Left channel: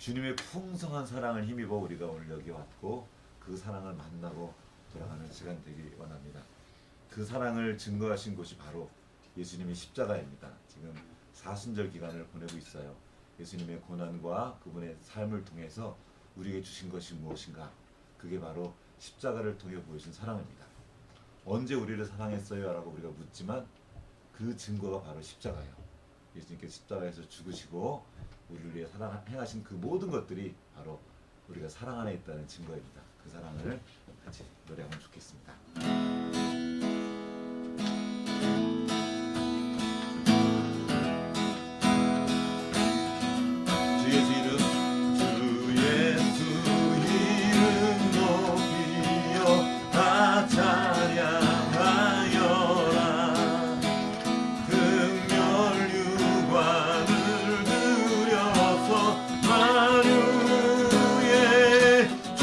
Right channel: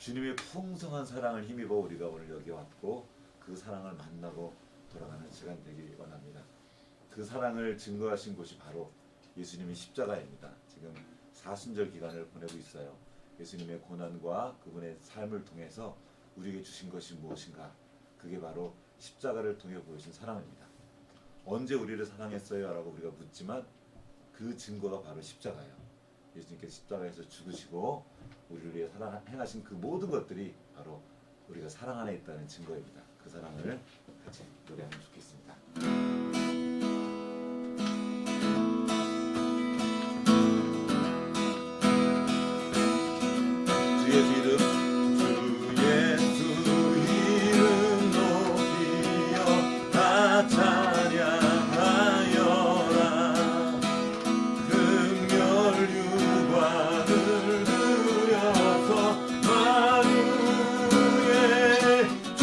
주님의 풍성한 사랑을 힘입어 우리가 오늘 여기 왔고 그 사랑을 만나고 돌아가는 시간 되길 원합니다. 그 사랑을 증거하신 곳이 바로 예수님의 십자가입니다. 지금 사순절 기간을 보내고 있어요. 예수님의 고난과 그분의 삶을 통해서 우리에게 주신 것이 무엇인가? 그게 바로 십자가를 통해 보여준 사랑입니다. 언제 우리를 사랑했어요? 라고 우리가 묻지만 그 증거가 바로 십자가예요. 예수님께서 십자가에서 죽으시고 우리를 위해 행하신 그 모든 것들이 바로 우리가 사랑 안에 있다는 증거입니다. 그 사랑을 같이 노래하면 좋겠습니다. 주 예수 이름, 주 예수 이름 높이여 다 찬양하여라. 금열 유관을 들여서 만유의 주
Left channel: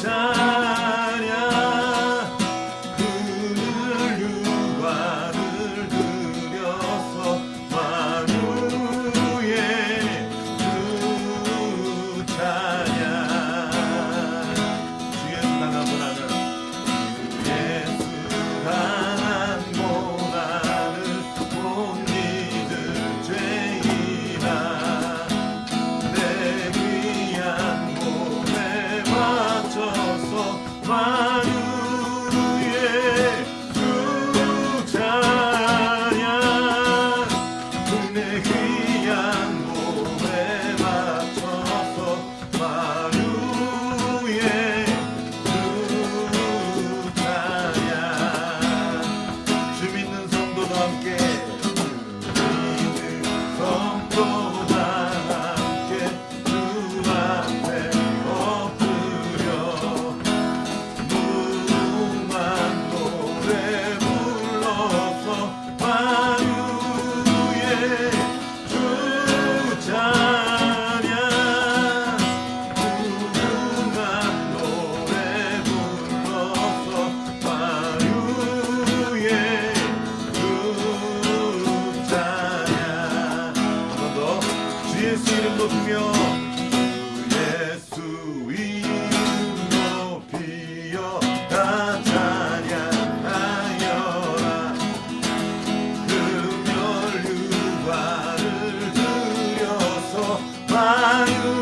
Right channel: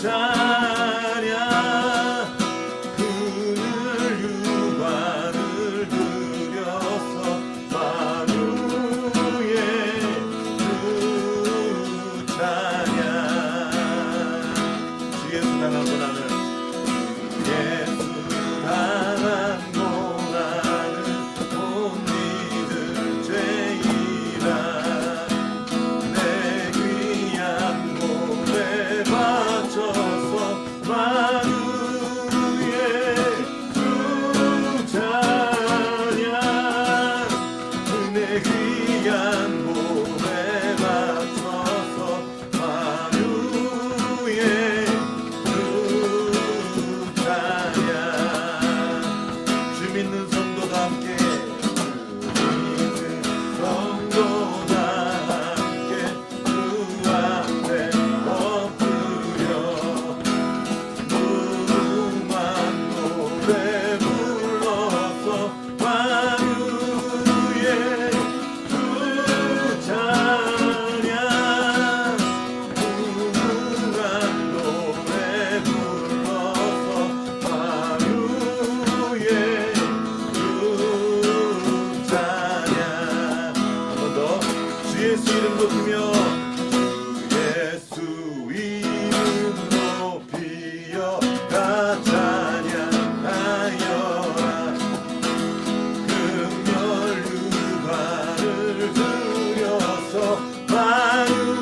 찬양. 금을 유관을 들여서 만유의 주 찬양. 주 예수 강한 고난을, 예수 강한 고난을 못 믿을 죄이라. 내 귀한 몸에 바쳐서 만유의 주 찬양. 내 귀한 몸에 바쳐서 만유의 주 찬양. 주 믿는 성도도 함께, 주 믿는 성도도 함께 주 앞에 엎드려 무궁한 노래 불러서 만유의 주 찬양. 무궁한 노래 불러서 만유의 주 찬양. 한 번 더. 주 예수 이름 높이며, 주 예수 이름 높이여 다 찬양하여라. 금열 유관을 들여서 만유의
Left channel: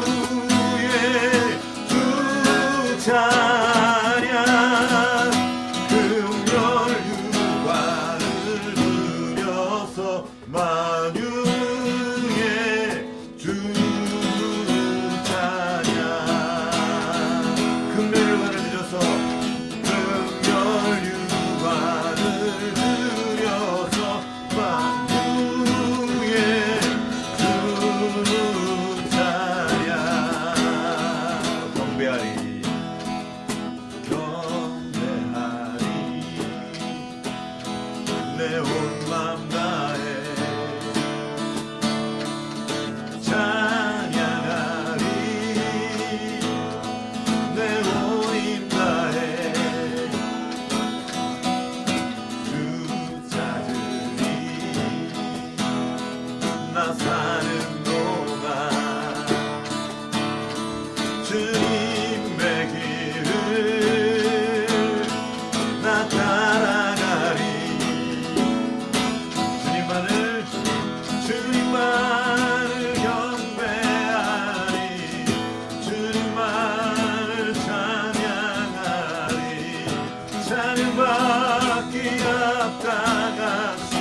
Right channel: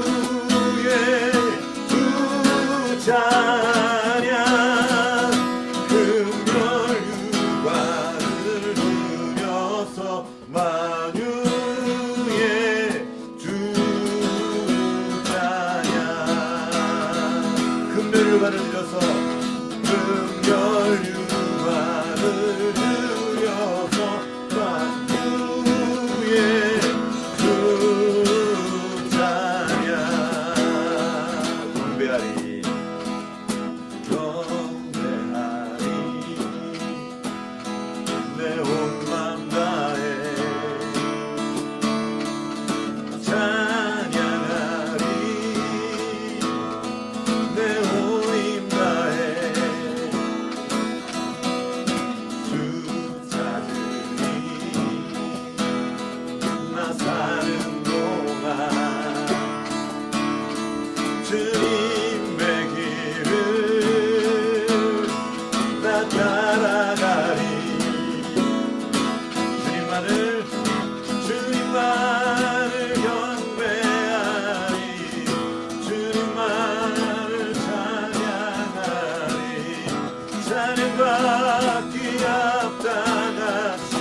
주 찬양. 금열 유관을 들여서 만유의 주 찬양. 금열 유관을 들여서, 금열 유관을 들여서 만유의 주 찬양. 경배하리, 경배하리, 내 온 맘 다해 찬양하리. 내 온 힘 다해 주 찾으리. 나 사는 동안 주님의 길을 나 따라가리. 주님만을, 주님만을 경배하리. 주님만을 찬양하리. 찬양받기 합당하신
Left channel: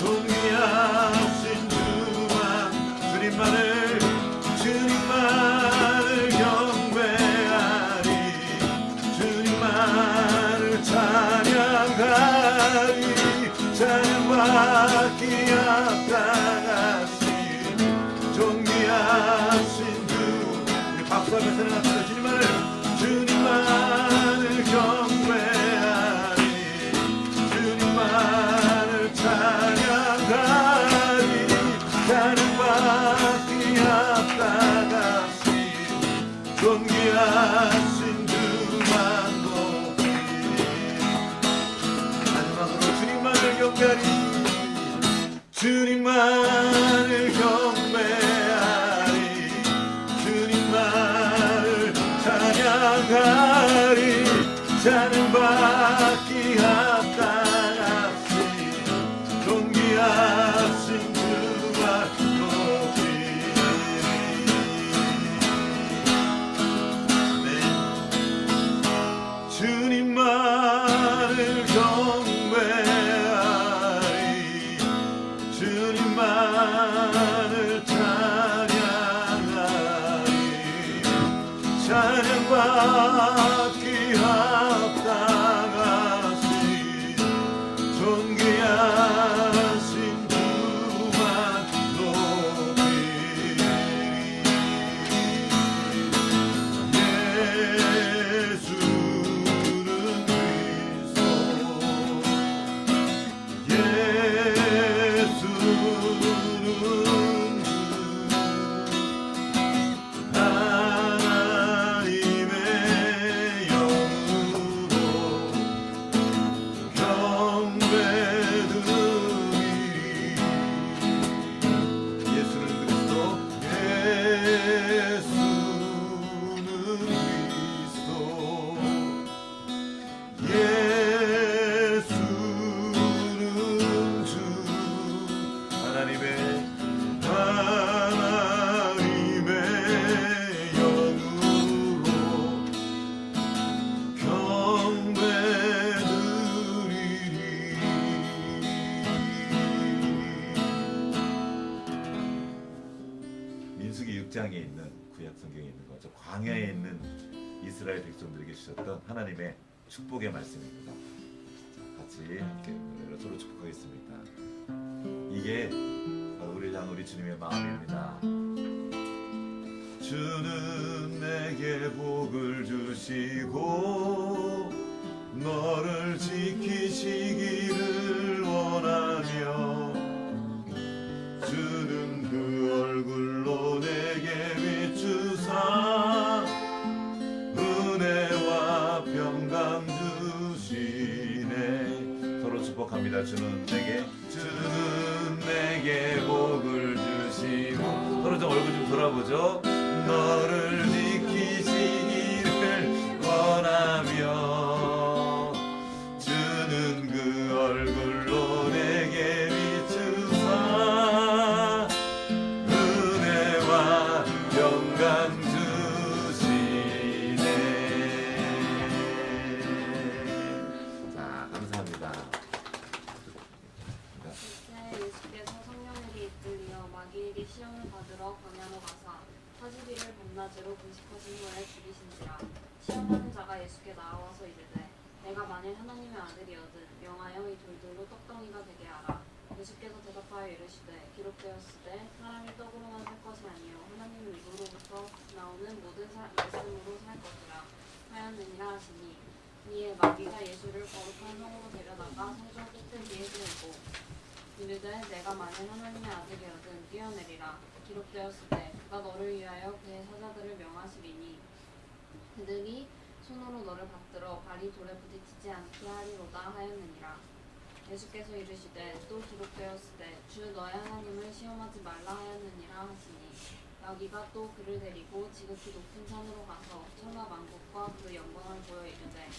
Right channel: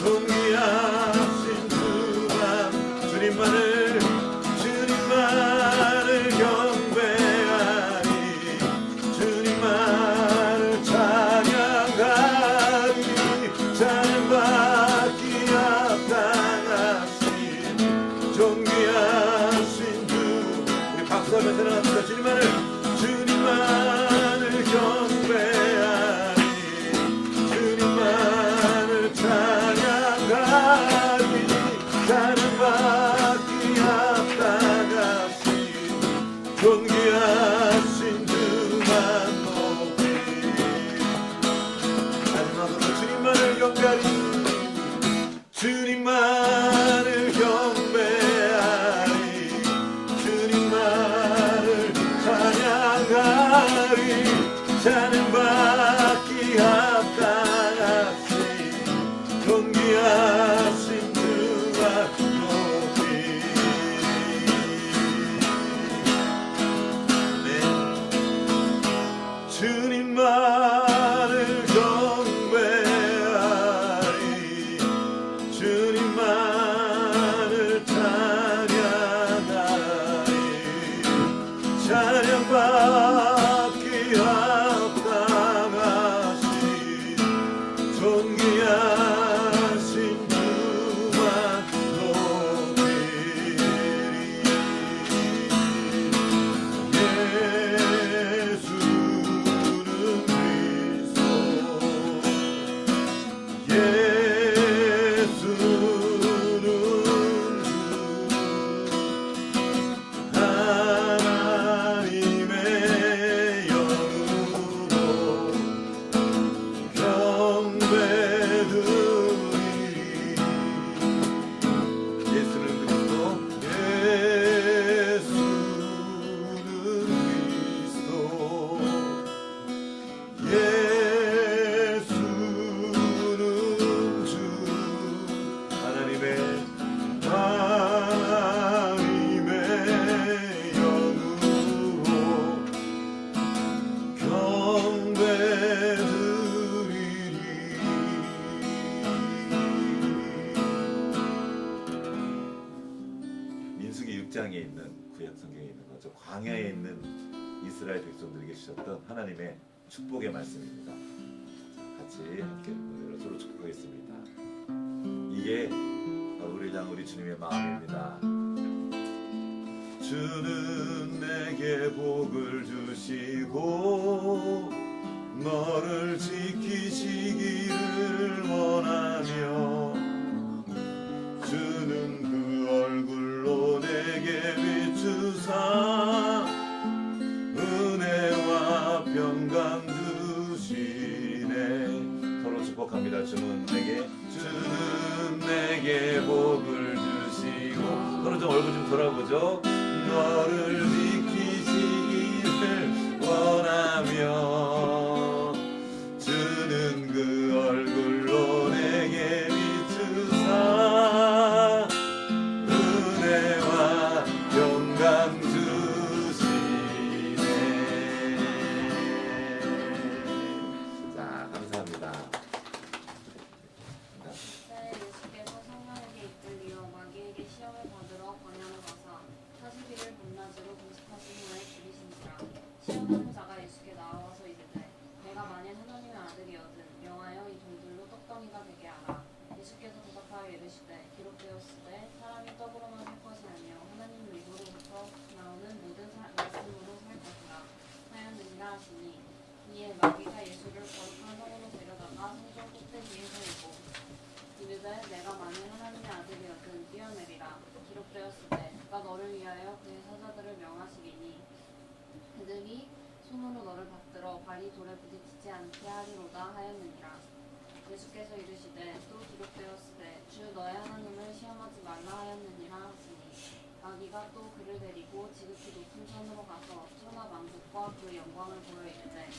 존귀하신 주만. 주님만을, 주님만을 경배하리. 주님만을 찬양하리. 찬양받기 합당하신 존귀하신 주. 우리 박수 한번 찬양합시다. 주님만을, 주님만을 경배하리. 주님만을 찬양하리. 찬양받기 합당하신 존귀하신 주만 높이. 마지막으로 주님만을 경배하리. 주님만을 경배하리. 받기 합당하신 존귀하신 주만 높이리. 민수기 6장에 있는 구약 성경에 있는 거죠. 광야에 있는 이스라엘 백성들에게 주셨던 하나님의 축복의 말씀입니다. 자, 같이 함께 서로 축복하겠습니다. 이게 바로 우리 주님의 마음입니다. 주는 내게 복을 주시고 너를 지키시기를 원하며 주는 그 얼굴로 내게 비추사 은혜와 평강 주시네. 서로 축복합니다. 주는 내게 복을 주시고 서로 좀 얼굴 좀 돌아보죠. 너를 지키시기를 원하며 주는 그 얼굴로 내게 비추사 은혜와 평강 주시네. 자, 감사합니다. 이제 예수께서 성령에게 이끌리어 마귀에게 시험을 받으러 광야로 가사 40일을 밤낮으로 금식하신 후에 죽이신지라. 시험하는 자가 예수께 나와서 이르되 내가 만일 하나님의 아들이거든 명하여 이 돌들로 떡덩이가 되게 하라. 예수께서 대답하여 이르시되 기록되었으되 사람이 떡으로만 살 것이 아니요 하나님의 입으로부터 나오는 모든 말씀으로 살 것이라 하였느니라 하시니 이에 마귀가 예수를 거룩한 성으로 데려다가 성전 꼭대기에 세우고 이르되 내가 만일 하나님의 아들이거든 뛰어내리라. 기록되었으되 그가 너를 위하여 그의 사자들을 명하시리니 그들이 손으로 너를 받들어 발이 돌에 부딪히지 않게 하리로다 하였느니라. 예수께서 이르시되 또 기록되었으되 주 너의 하나님을 시험하지 말라 하였느니라 하시니 마귀가 또 그를 데리고 지극히 높은 산으로 가서 천하 만국과 그 영광을 보여 이르되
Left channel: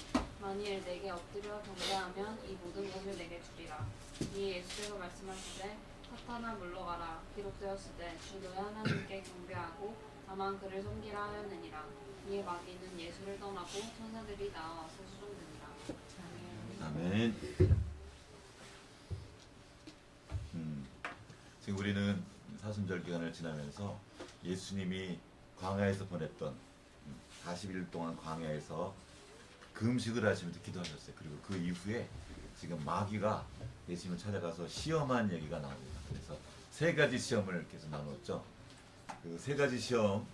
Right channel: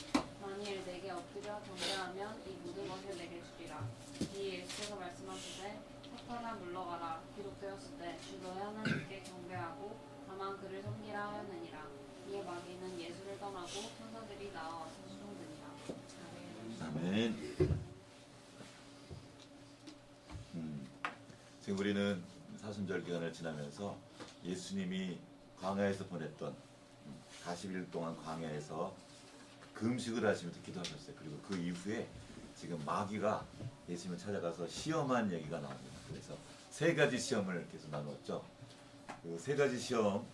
만일 내게 엎드려 경배하면 이 모든 것을 내게 주리라. 이에 예수께서 말씀하시되 사탄아 물러가라. 기록되었으되 주 너의 하나님께 경배하고 다만 그를 섬기라 하였느니라. 이에 마귀는 예수를 떠나고 천사들이 나와서 수종드니라. 아멘. 지금 우리는 사순절 기간을 지나면서 예수님이 광야에서 보냈던 40일 동안 광야에서 금식을 하시면서 기도하셨어요. 그리고 그 이후에 지금 마귀가 예수님을 찾아가서 시험한 얘기가 나옵니다. 그래서 세 가지 시험을 계속 나눴죠. 그 세 가지 시험,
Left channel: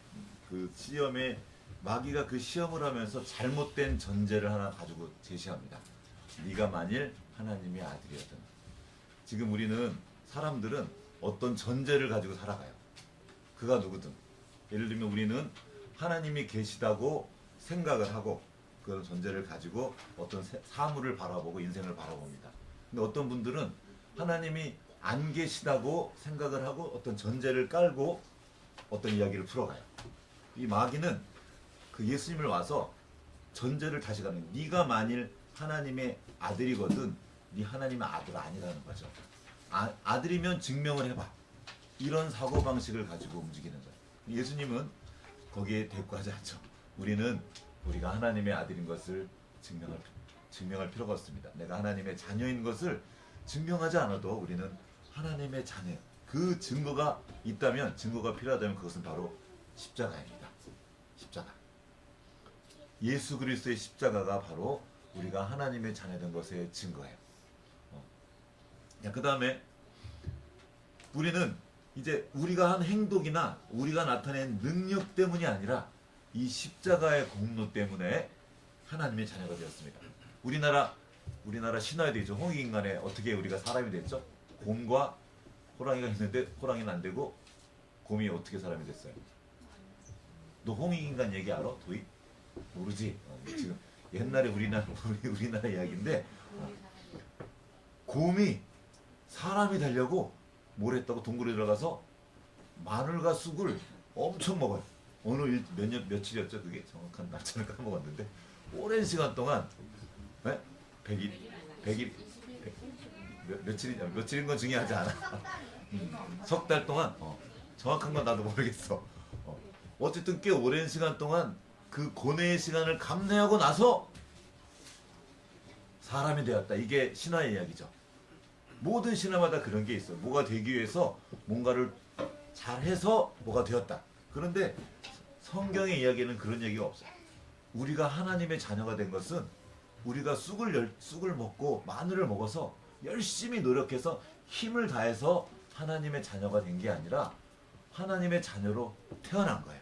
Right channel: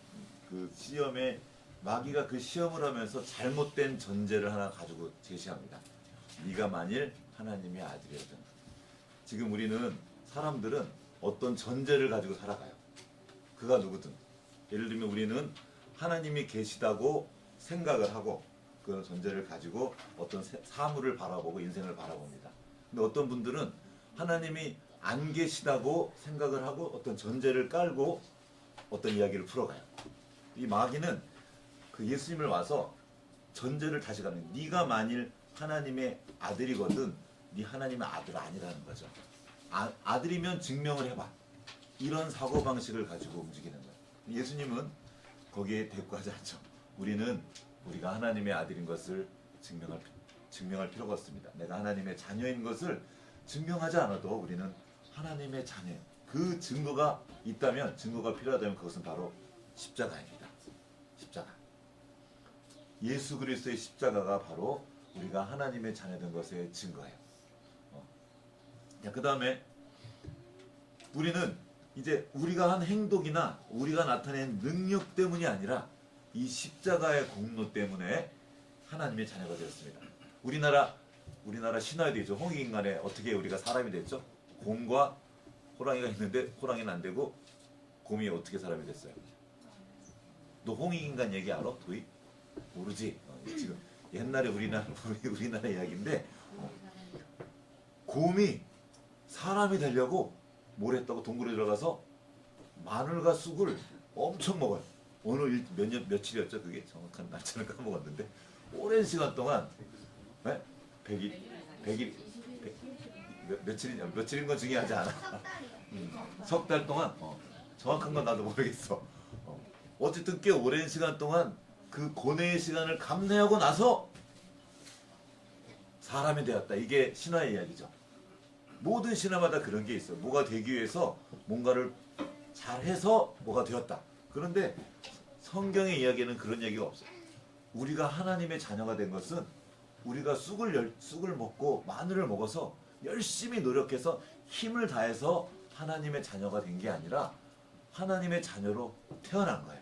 그 시험에 마귀가 그 시험을 하면서 잘못된 전제를 하나 가지고 제시합니다. 네가 만일 하나님의 아들이거든. 지금 우리는 사람들은 어떤 전제를 가지고 살아가요. 그가 누구든. 예를 들면 우리는 하나님이 계시다고 생각을 하고 그런 전제를 가지고 어떤 사물을 바라보고 인생을 바라봅니다. 근데 어떤 분들은 하나님이 안 계시다고 생각을 하고 어떤 전제를 깔고 어떤 이야기를 풀어가요. 이 마귀는 그 예수님을 와서 전제를 다시 가는, 네가 만일 하나님의 아들이거든 네 하나님의 아들 아니라는 거죠. 아들이면 증명을 해봐. 이런 사고방식을 가지고 움직이는 거예요. 예수님은 거기에 대꾸하지 않죠. 우리는 우리가 하나님의 아들인 것을 증명할 필요가 없습니다. 내가 하나님의 자녀인 것을 증명하지 않아도 우리는 하나님의 자녀. 그 증거가 있다면, 증거가 필요하다면 그것은 바로 십자가입니다. 십자가. 예수 그리스도의 십자가가 바로 우리가 하나님의 자녀된 것의 증거예요. 그 다음에 우리는 이제 우리가 한 행동이나 우리가 나타낸 능력 때문이 아니라 이 십자가의 공로 때문에 하나님의 자녀가 되었습니다. 우리나라 신화에도 있죠. 홍익인간에 어떻게 우리가 사람이 됐죠? 곰과 호랑이가 있는데 호랑이는 안 되고 곰이 어떻게 사람이 됐어요? 너 홍익인간 얘기 알아? 도희? 모르지? 지금 옛날에 우리나라 이야기인데 곰이 사람이 되려고 뭘 했다고 동굴에 들어가서 마늘과 쑥을 엄청 먹어요. 어느 며칠이었죠? 그게 정확한 날짜를 까먹었는데 오랜 시간 동안 100일 며칠인 건 중요하지 않아. 석 달 동안 정확한 건 나도 모르겠어. 어쨌든 꽤 오랜 시간 동안 그 고뇌의 시간을 감내하고 나서 사람이 되었다. 이게 신화의 이야기죠. 모든 신화마다 그런 게 있어. 뭐가 되기 위해서 뭔가를 잘해서 뭐가 되었다. 그런데 성경의 이야기에는 그런 얘기가 없어요. 우리가 하나님의 자녀가 된 것은 우리가 쑥을 먹고 마늘을 먹어서 열심히 노력해서 힘을 다해서 하나님의 자녀가 된 게 아니라 하나님의 자녀로 태어난 거예요.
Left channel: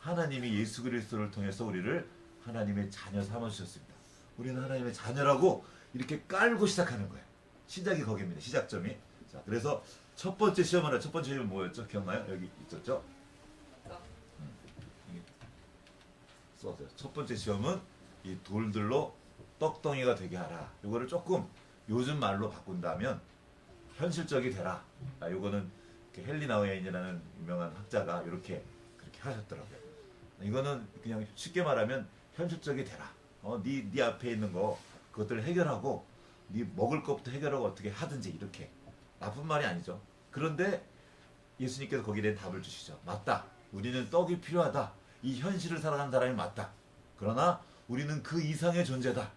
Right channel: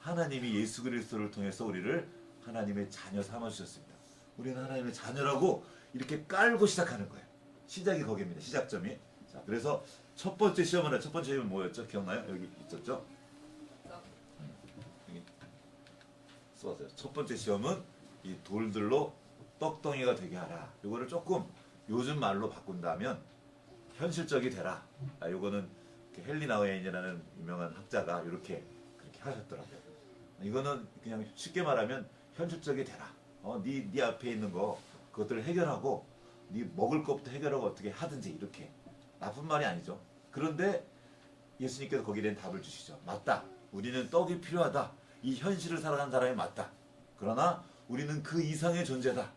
하나님이 예수 그리스도를 통해서 우리를 하나님의 자녀 삼아주셨습니다. 우리는 하나님의 자녀라고 이렇게 깔고 시작하는 거예요. 시작이 거기입니다. 시작점이. 자, 그래서 첫 번째 시험은 뭐였죠? 기억나요? 여기 있었죠? 여기 써왔어요. 첫 번째 시험은 이 돌들로 떡덩이가 되게 하라. 이거를 조금 요즘 말로 바꾼다면 현실적이 되라. 이거는 헬리나우에인이라는 유명한 학자가 그렇게 하셨더라고요. 이거는 그냥 쉽게 말하면 현실적이 되라. 네 앞에 있는 거 그것들을 해결하고 네 먹을 것부터 해결하고 어떻게 하든지 이렇게. 나쁜 말이 아니죠. 그런데 예수님께서 거기에 대한 답을 주시죠. 맞다. 우리는 떡이 필요하다. 이 현실을 살아가는 사람이 맞다. 그러나 우리는 그 이상의 존재다.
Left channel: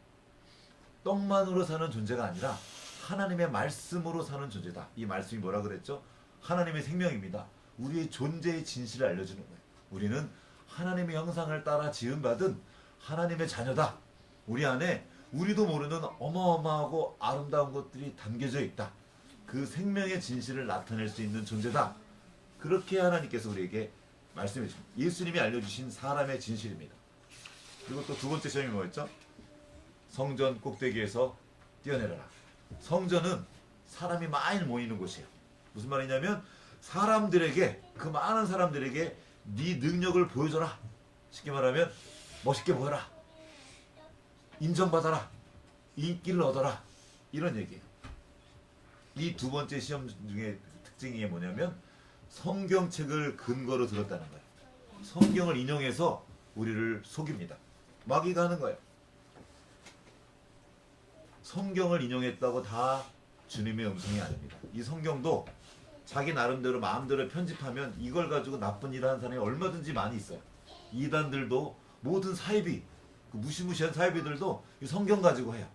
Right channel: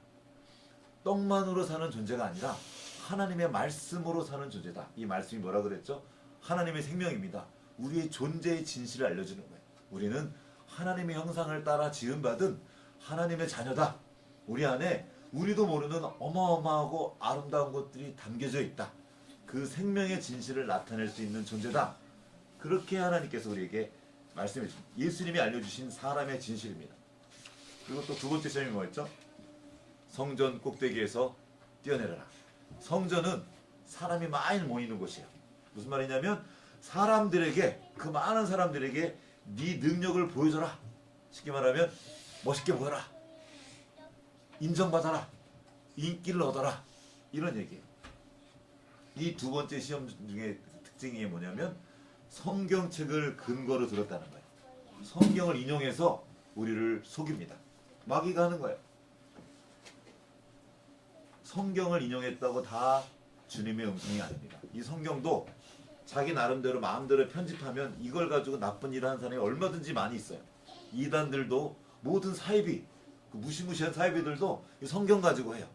떡만으로 사는 존재가 아니라 하나님의 말씀으로 사는 존재다. 이 말씀이 뭐라 그랬죠? 하나님의 생명입니다. 우리의 존재의 진실을 알려주는 거예요. 우리는 하나님의 형상을 따라 지음받은 하나님의 자녀다. 우리 안에 우리도 모르는 어마어마하고 아름다운 것들이 담겨져 있다. 그 생명의 진실을 나타낼 수 있는 존재다. 그렇게 하나님께서 우리에게 말씀해 주십니다. 예수님이 알려주신 사람의 진실입니다. 그리고 또 두 번째 시험이 뭐였죠? 성전 꼭대기에서 뛰어내려라. 성전은 사람이 많이 모이는 곳이에요. 무슨 말이냐면 사람들에게, 그 많은 사람들에게 네 능력을 보여줘라. 쉽게 말하면 멋있게 보여라. 인정받아라. 인기를 얻어라. 이런 얘기예요. 이 두 번째 시험 중에 특징이 뭐냐면 성경책을 근거로 들었다는 거예요. 성경을 인용해서 우리를 속입니다. 마귀가 하는 거예요. 성경을 인용했다고 다 주님의 음성이 아닙니다. 이 성경도 자기 나름대로 마음대로 편집하면 이걸 가지고 나쁜 일 하는 사람이 얼마든지 많이 있어요. 이단들도 모든 사이비, 무시무시한 사이비들도 성경 가지고 해요.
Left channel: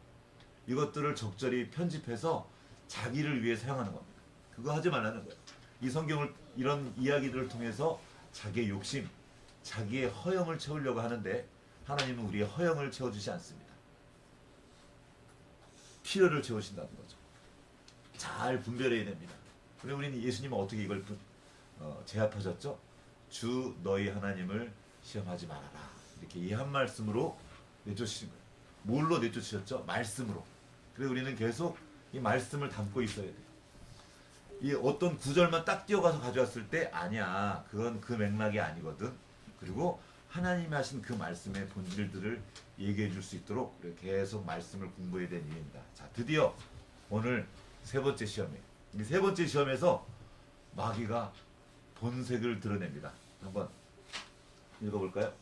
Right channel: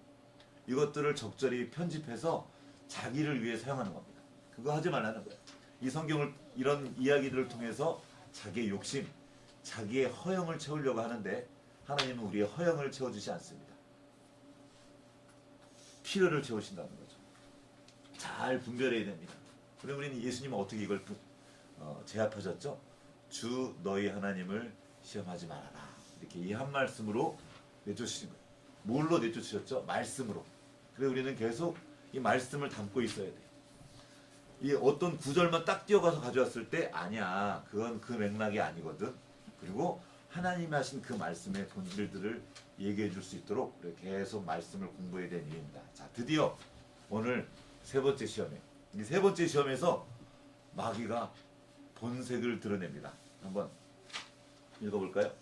이것들을 적절히 편집해서 자기를 위해 사용하는 겁니다. 그거 하지 말라는 거예요. 이 성경을, 이런 이야기들을 통해서 자기의 욕심, 자기의 허영을 채우려고 하는데 하나님은 우리의 허영을 채워주지 않습니다. 필요를 채우신다는 거죠. 잘 분별해야 됩니다. 그리고 우리는 예수님은 어떻게 이걸 제압하셨죠? 주 너희 하나님을 시험하지 말아라. 이렇게 이 한 말씀으로 내쫓으신 거예요. 뭘로 내쫓으셨죠? 말씀으로. 그래서 우리는 계속 이 말씀을 담고 있어야 돼요. 이 어떤 구절만 딱 띄어가서 가져왔을 때 아니야. 그건 그 맥락이 아니거든. 그리고 하나님이 하신 그 말씀의 본질들을 얘기해 줄 수 있도록 계속 말씀을 공부해야 되는 이유입니다. 자, 드디어 오늘 세 번째 시험에, 이 세 번째 시험에서 마귀가 본색을 드러냅니다. 한번 읽어볼까요?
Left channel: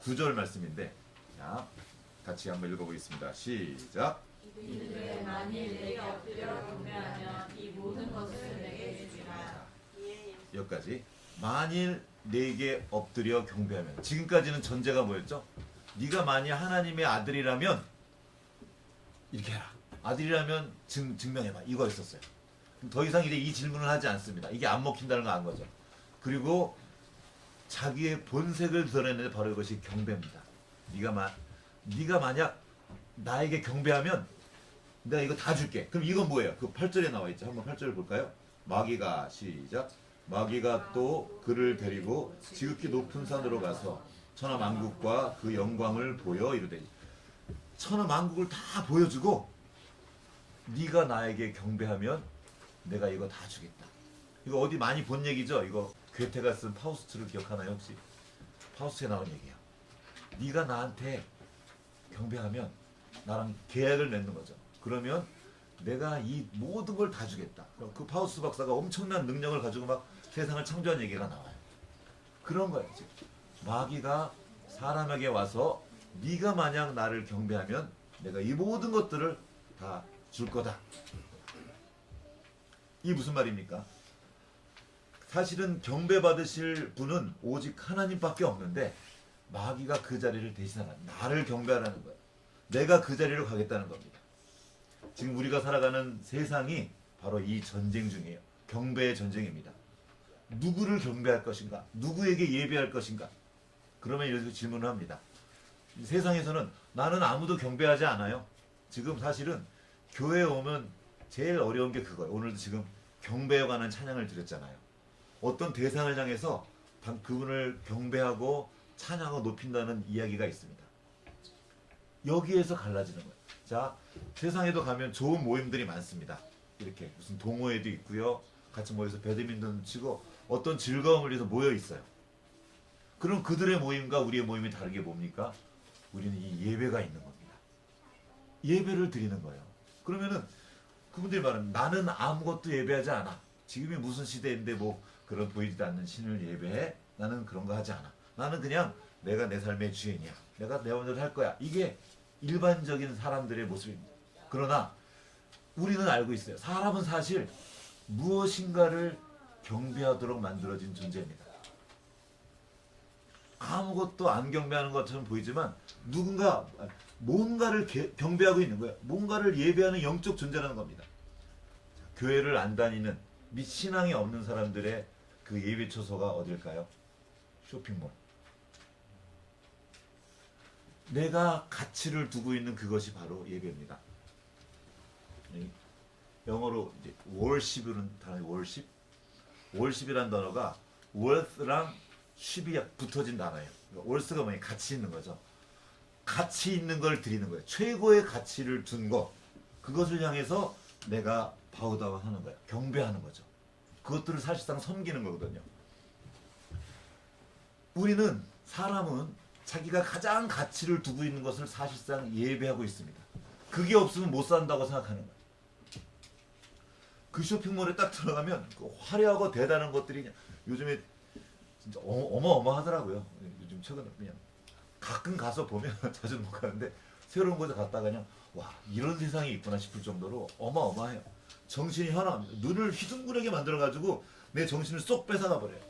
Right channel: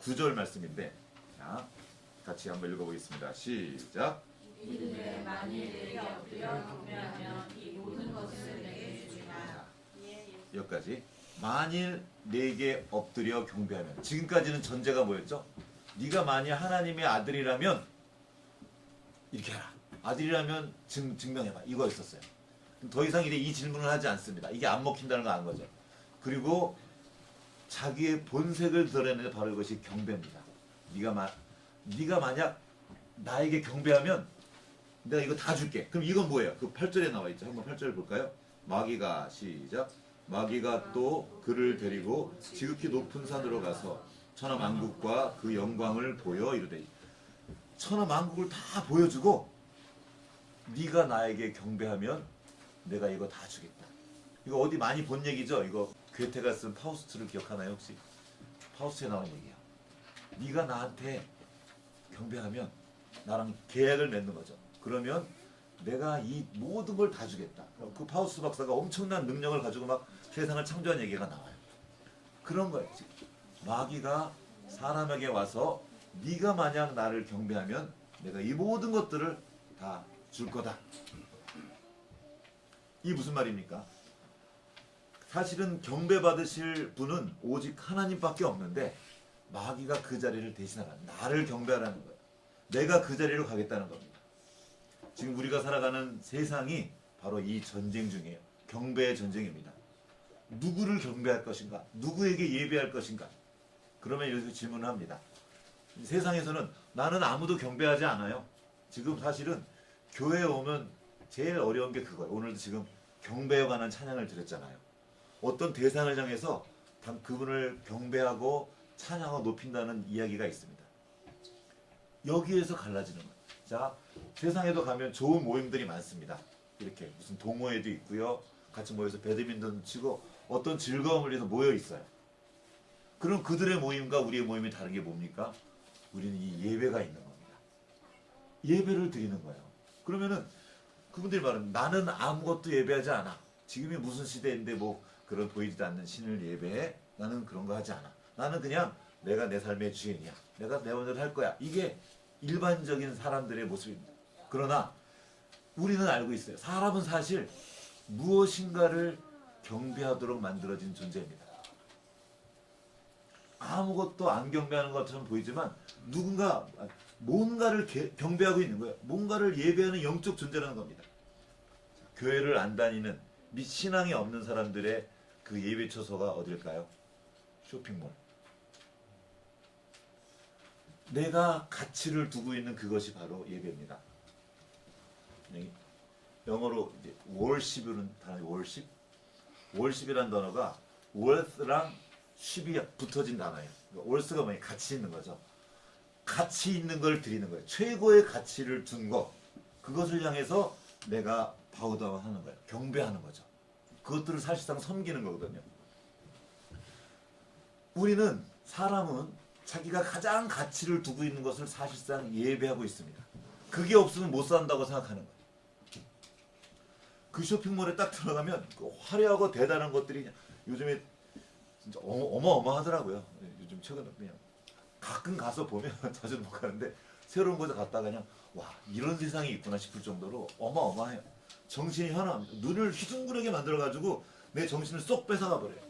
9절 말씀인데, 자, 같이 한번 읽어보겠습니다. 시작. 이르되 만일 내게 엎드려 경배하면 이 모든 것을 내게 주리라. 여기까지. 만일 내게 엎드려 경배하면. 지금까지는 전제가 뭐였죠? 네가 만일 하나님의 아들이라면 이렇게 해라. 아들이라면 증명해봐. 이거 있었어요. 더 이상 이 질문을 하지 않습니다. 이게 안 먹힌다는 거 안 거죠. 그리고 자기의 본색을 드러내는 바로 이것이 경배입니다. 네가 만약 나에게 경배하면 내가 이거 다 줄게. 그럼 이건 뭐예요? 그 8절에 나와 있죠. 한번 8절 볼까요? 마귀가 시작. 마귀가 또 그를 데리고 지극히 높은 산으로 가서 천하 만국과 그 영광을 보여 이르되 천하 만국을 다 보여주고 네가 나에게 경배하면 내가 이거 다 주겠다. 이거 어디 많이 본 얘기죠? 이거 괴테가 쓴 파우스트를 기억하나요 혹시? 파우스트에 나온 얘기야. 네가 나한테 경배하면 나랑 계약을 맺는 거죠. 그러면 내가 이 모든 걸 다 주겠다. 그 파우스트 박사가 엄청난 능력을 가지고 막 세상을 창조한 얘기가 나와요. 그런 거예요. 지금. 마귀가 사람에게 와서 네가 만약 나를 경배하면 내가 이 모든 것들을 다 줄 거다. 이 무슨 말입니까? 사실은 경배받으실 분은 오직 하나님밖에 없는데 마귀가 그 자리를 대신하라. 나를 경배하라는 거예요. 내가 그 자리로 가겠다는 겁니다. 지금 우리가 살아가는 세상이 바로 이 전쟁 중이에요. 경배의 전쟁입니다. 누구를 경배할 것인가? 누구에게 예배할 것인가? 그러면 여기서 질문을 합니다. 세상에서는 나는 아무도 경배하지 않아요. 지금 사실은 교회에 오면 제일 어려운 게 그거예요. 오늘도 지금 경배에 관한 찬양을 드렸잖아요. 어떤 대상을 향해서 그분을 경배하고 찬양하고 높인다는 이야기가 있습니다. 여기에서 갈라지는 거예요. 자, 세상에도 가면 좋은 모임들이 많습니다. 이렇게 무슨 동호회도 있고요. 같이 모여서 배드민턴 치고 어떤 즐거움을 위해서 모여 있어요. 그럼 그들의 모임과 우리의 모임이 다른 게 뭡니까? 우리는 이 예배가 있는 겁니다. 예배를 드리는 거예요. 그러면은 그분들이 말하는 나는 아무것도 예배하지 않아. 지금이 무슨 시대인데 뭐 그런 보이지도 않는 신을 예배해? 나는 그런 거 하지 않아. 나는 그냥 내가 내 삶의 주인이야. 내가 내 마음대로 할 거야. 이게 일반적인 사람들의 모습입니다. 그러나 우리는 알고 있어요. 사람은 사실 무엇인가를 경배하도록 만들어진 존재입니다. 아무것도 안 경배하는 것처럼 보이지만 누군가 뭔가를 경배하고 있는 거예요. 뭔가를 예배하는 영적 존재라는 겁니다. 교회를 안 다니는 및 신앙이 없는 사람들의 그 예배 처소가 어딜까요? 쇼핑몰. 내가 가치를 두고 있는 그것이 바로 예배입니다. 영어로 이제 worship은 worship? worship이라는 단어가 worth랑 ship이 붙어진 단어예요. worth가 뭐냐? 가치 있는 거죠. 가치 있는 걸 드리는 거예요. 최고의 가치를 준 것. 그것을 향해서 내가 바우다운 하는 거예요. 경배하는 거죠. 그것들을 사실상 섬기는 거거든요. 사람은 자기가 가장 가치를 두고 있는 것을 사실상 예배하고 있습니다. 그게 없으면 못 산다고 생각하는 거예요. 그 쇼핑몰에 딱 들어가면 그 화려하고 대단한 것들이 요즘에 진짜 어마어마하더라고요. 요즘 최근에 그냥 가끔 가서 보면 자주 못 가는데 새로운 곳에 갔다가 그냥 와 이런 세상이 있구나 싶을 정도로 어마어마해요. 정신이 현황, 눈을 휘둥그레게 만들어가지고 내 정신을 쏙 뺏어가 버려요.